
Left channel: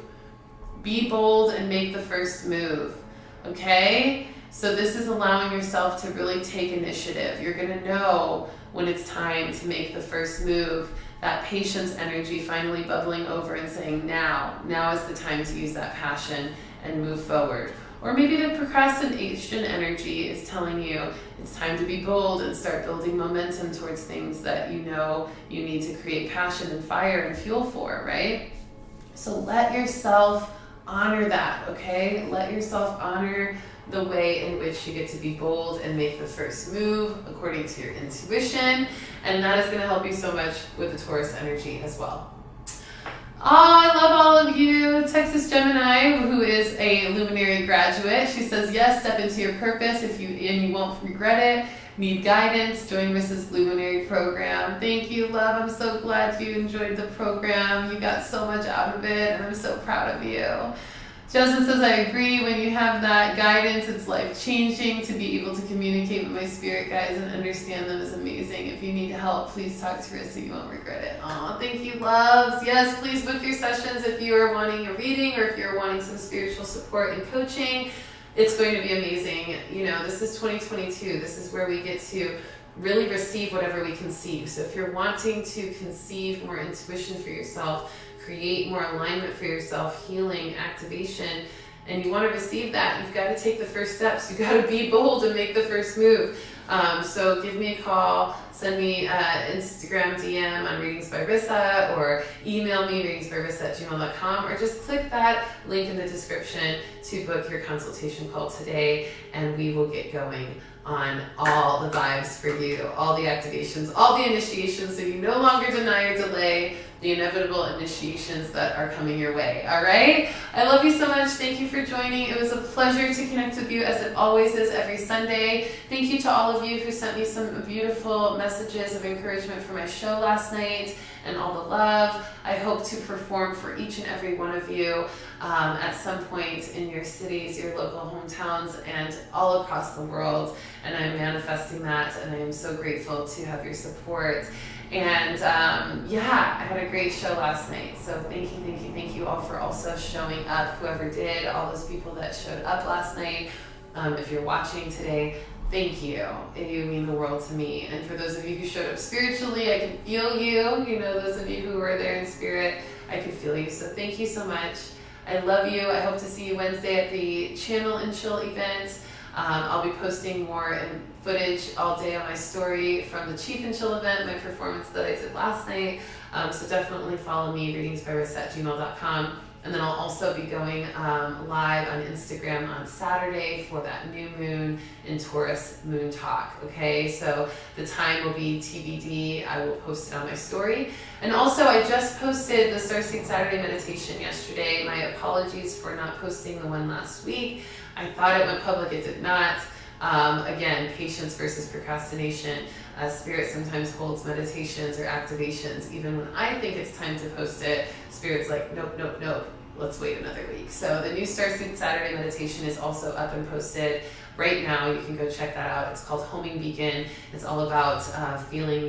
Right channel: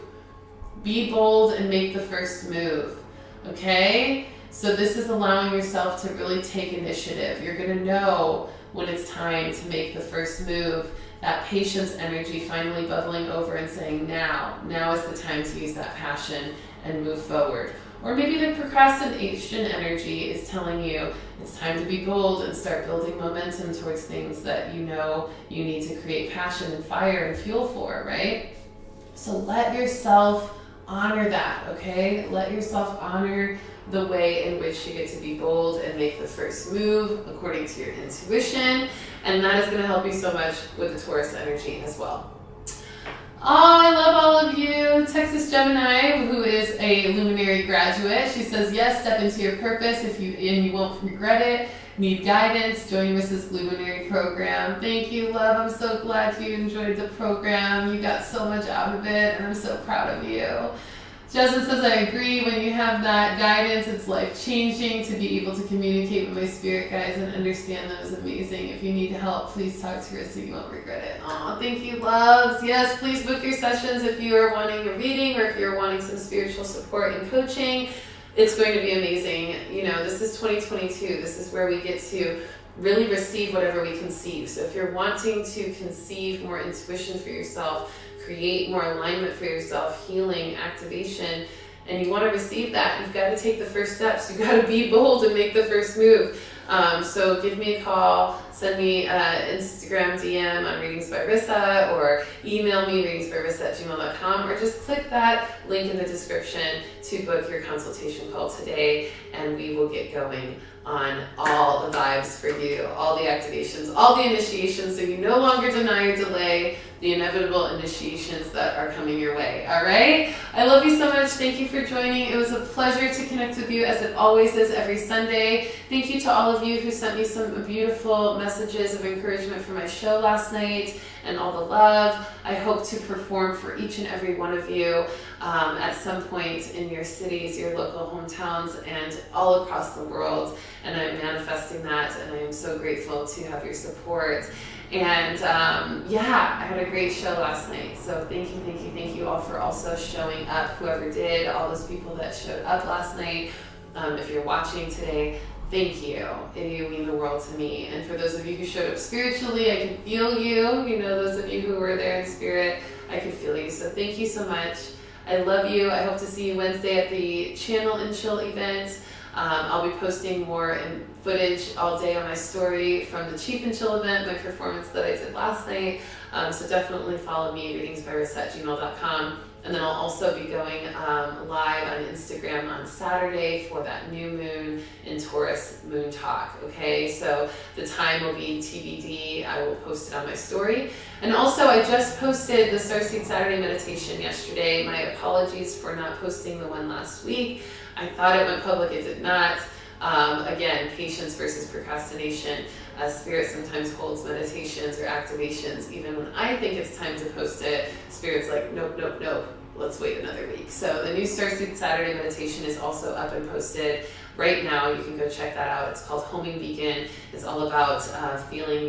Be bold and make the first move. Okay? So this is allowing yourself to really take initiative. You're going to know when it's time to make the first move. That patience energy finally bubbling over and saying, now is the time to use that passion and move forward. Or maybe the procrastination energy is telling you it's time to be bold and start building momentum towards things that you know you need to create passion and fire and fuel for, right? So let yourself honor that, okay? Let yourself honor the way in which you get to be bold and make the first move according to your intuition. And that is going to help you so much with the Taurus energy as well. Oh, I love all of you. Texas Gemini, who is a luminary graduate, she says, yes, step into your purpose and you won't regret it. Need guidance, join Rissa's luminary program. Thank you, love. I'm so glad you enjoyed the program. You got so much out of it, and I'm so proud of you. Justin says, I agree. When you have that guidance, it's life-changing. To be able to communicate with my spirit guides and understand them is amazing. If you need help, please talk to Rissa. You won't regret it. Aw, thank you, loves. Yes, please book your sessions if you are wanting a reading or if you're wanting some spiritual support and coaching. It's going to be amazing. You know, this is 2022. This is where we get to really receive whatever we conceive. So if you're wanting to conceive more intuition for yourself, create more alignment for yourself, healing, activation, and you want to receive that, you've got to take the first steps. You've got to be bold and make the first move. So give me a call, send me an Instagram DM on Readings by Rissa, or email me readingsbyrissa@gmail.com, or just click that link in the description to book your consultation call today, and we will get going on all the vibes for you, all the activations, all the initiations, so you no longer deny or delay the inevitable initiations that are coming your way. All right? I love you so much. Thank you for joining. It was a pleasure to connect with you, as it always is every Sunday. Thank you to all of you who sent me some beautiful messages of encouragement for my show last night, and all the love. I hope to perform for each and every one of you at some point in your cities, your local hometowns, and all across the world. And I'm manifesting that, and I am so grateful to have your support. And yeah, I had a great show last night. So thank you all for also showing up, whoever did, all those people that showed up last night. If you're watching today, thank you. You mean the world to me. And for those of you who showed up spiritually, I can feel you. You know, those of you who were there in spirit, I can feel you. So thank you so much. I love you. I hope to see you Wednesday at the Channel and Chill event. I'll be posting more footage all day on my story from the Chief and Chill event, my performance that I did last night. So definitely follow me, readingsbyrissa@gmail.com. And then I'll also be going live on Instagram on Saturday for that new moon in Taurus moon talk. Okay, so the time will be TBD. I will post it on my story. And also, I just posted the Starseed Saturday meditation yesterday. My apologies for not posting the one last week. I thought it went public. It did not. Again, patience versus procrastination. Spirit sometimes holds meditations or activations. Even when I think it's time to post it, Spirit's like, nope. Let's wait another week. So the new Starseed Saturday meditation is also up and posted right now. You can go check that out. It's called Homing Beacon. It's all about feeling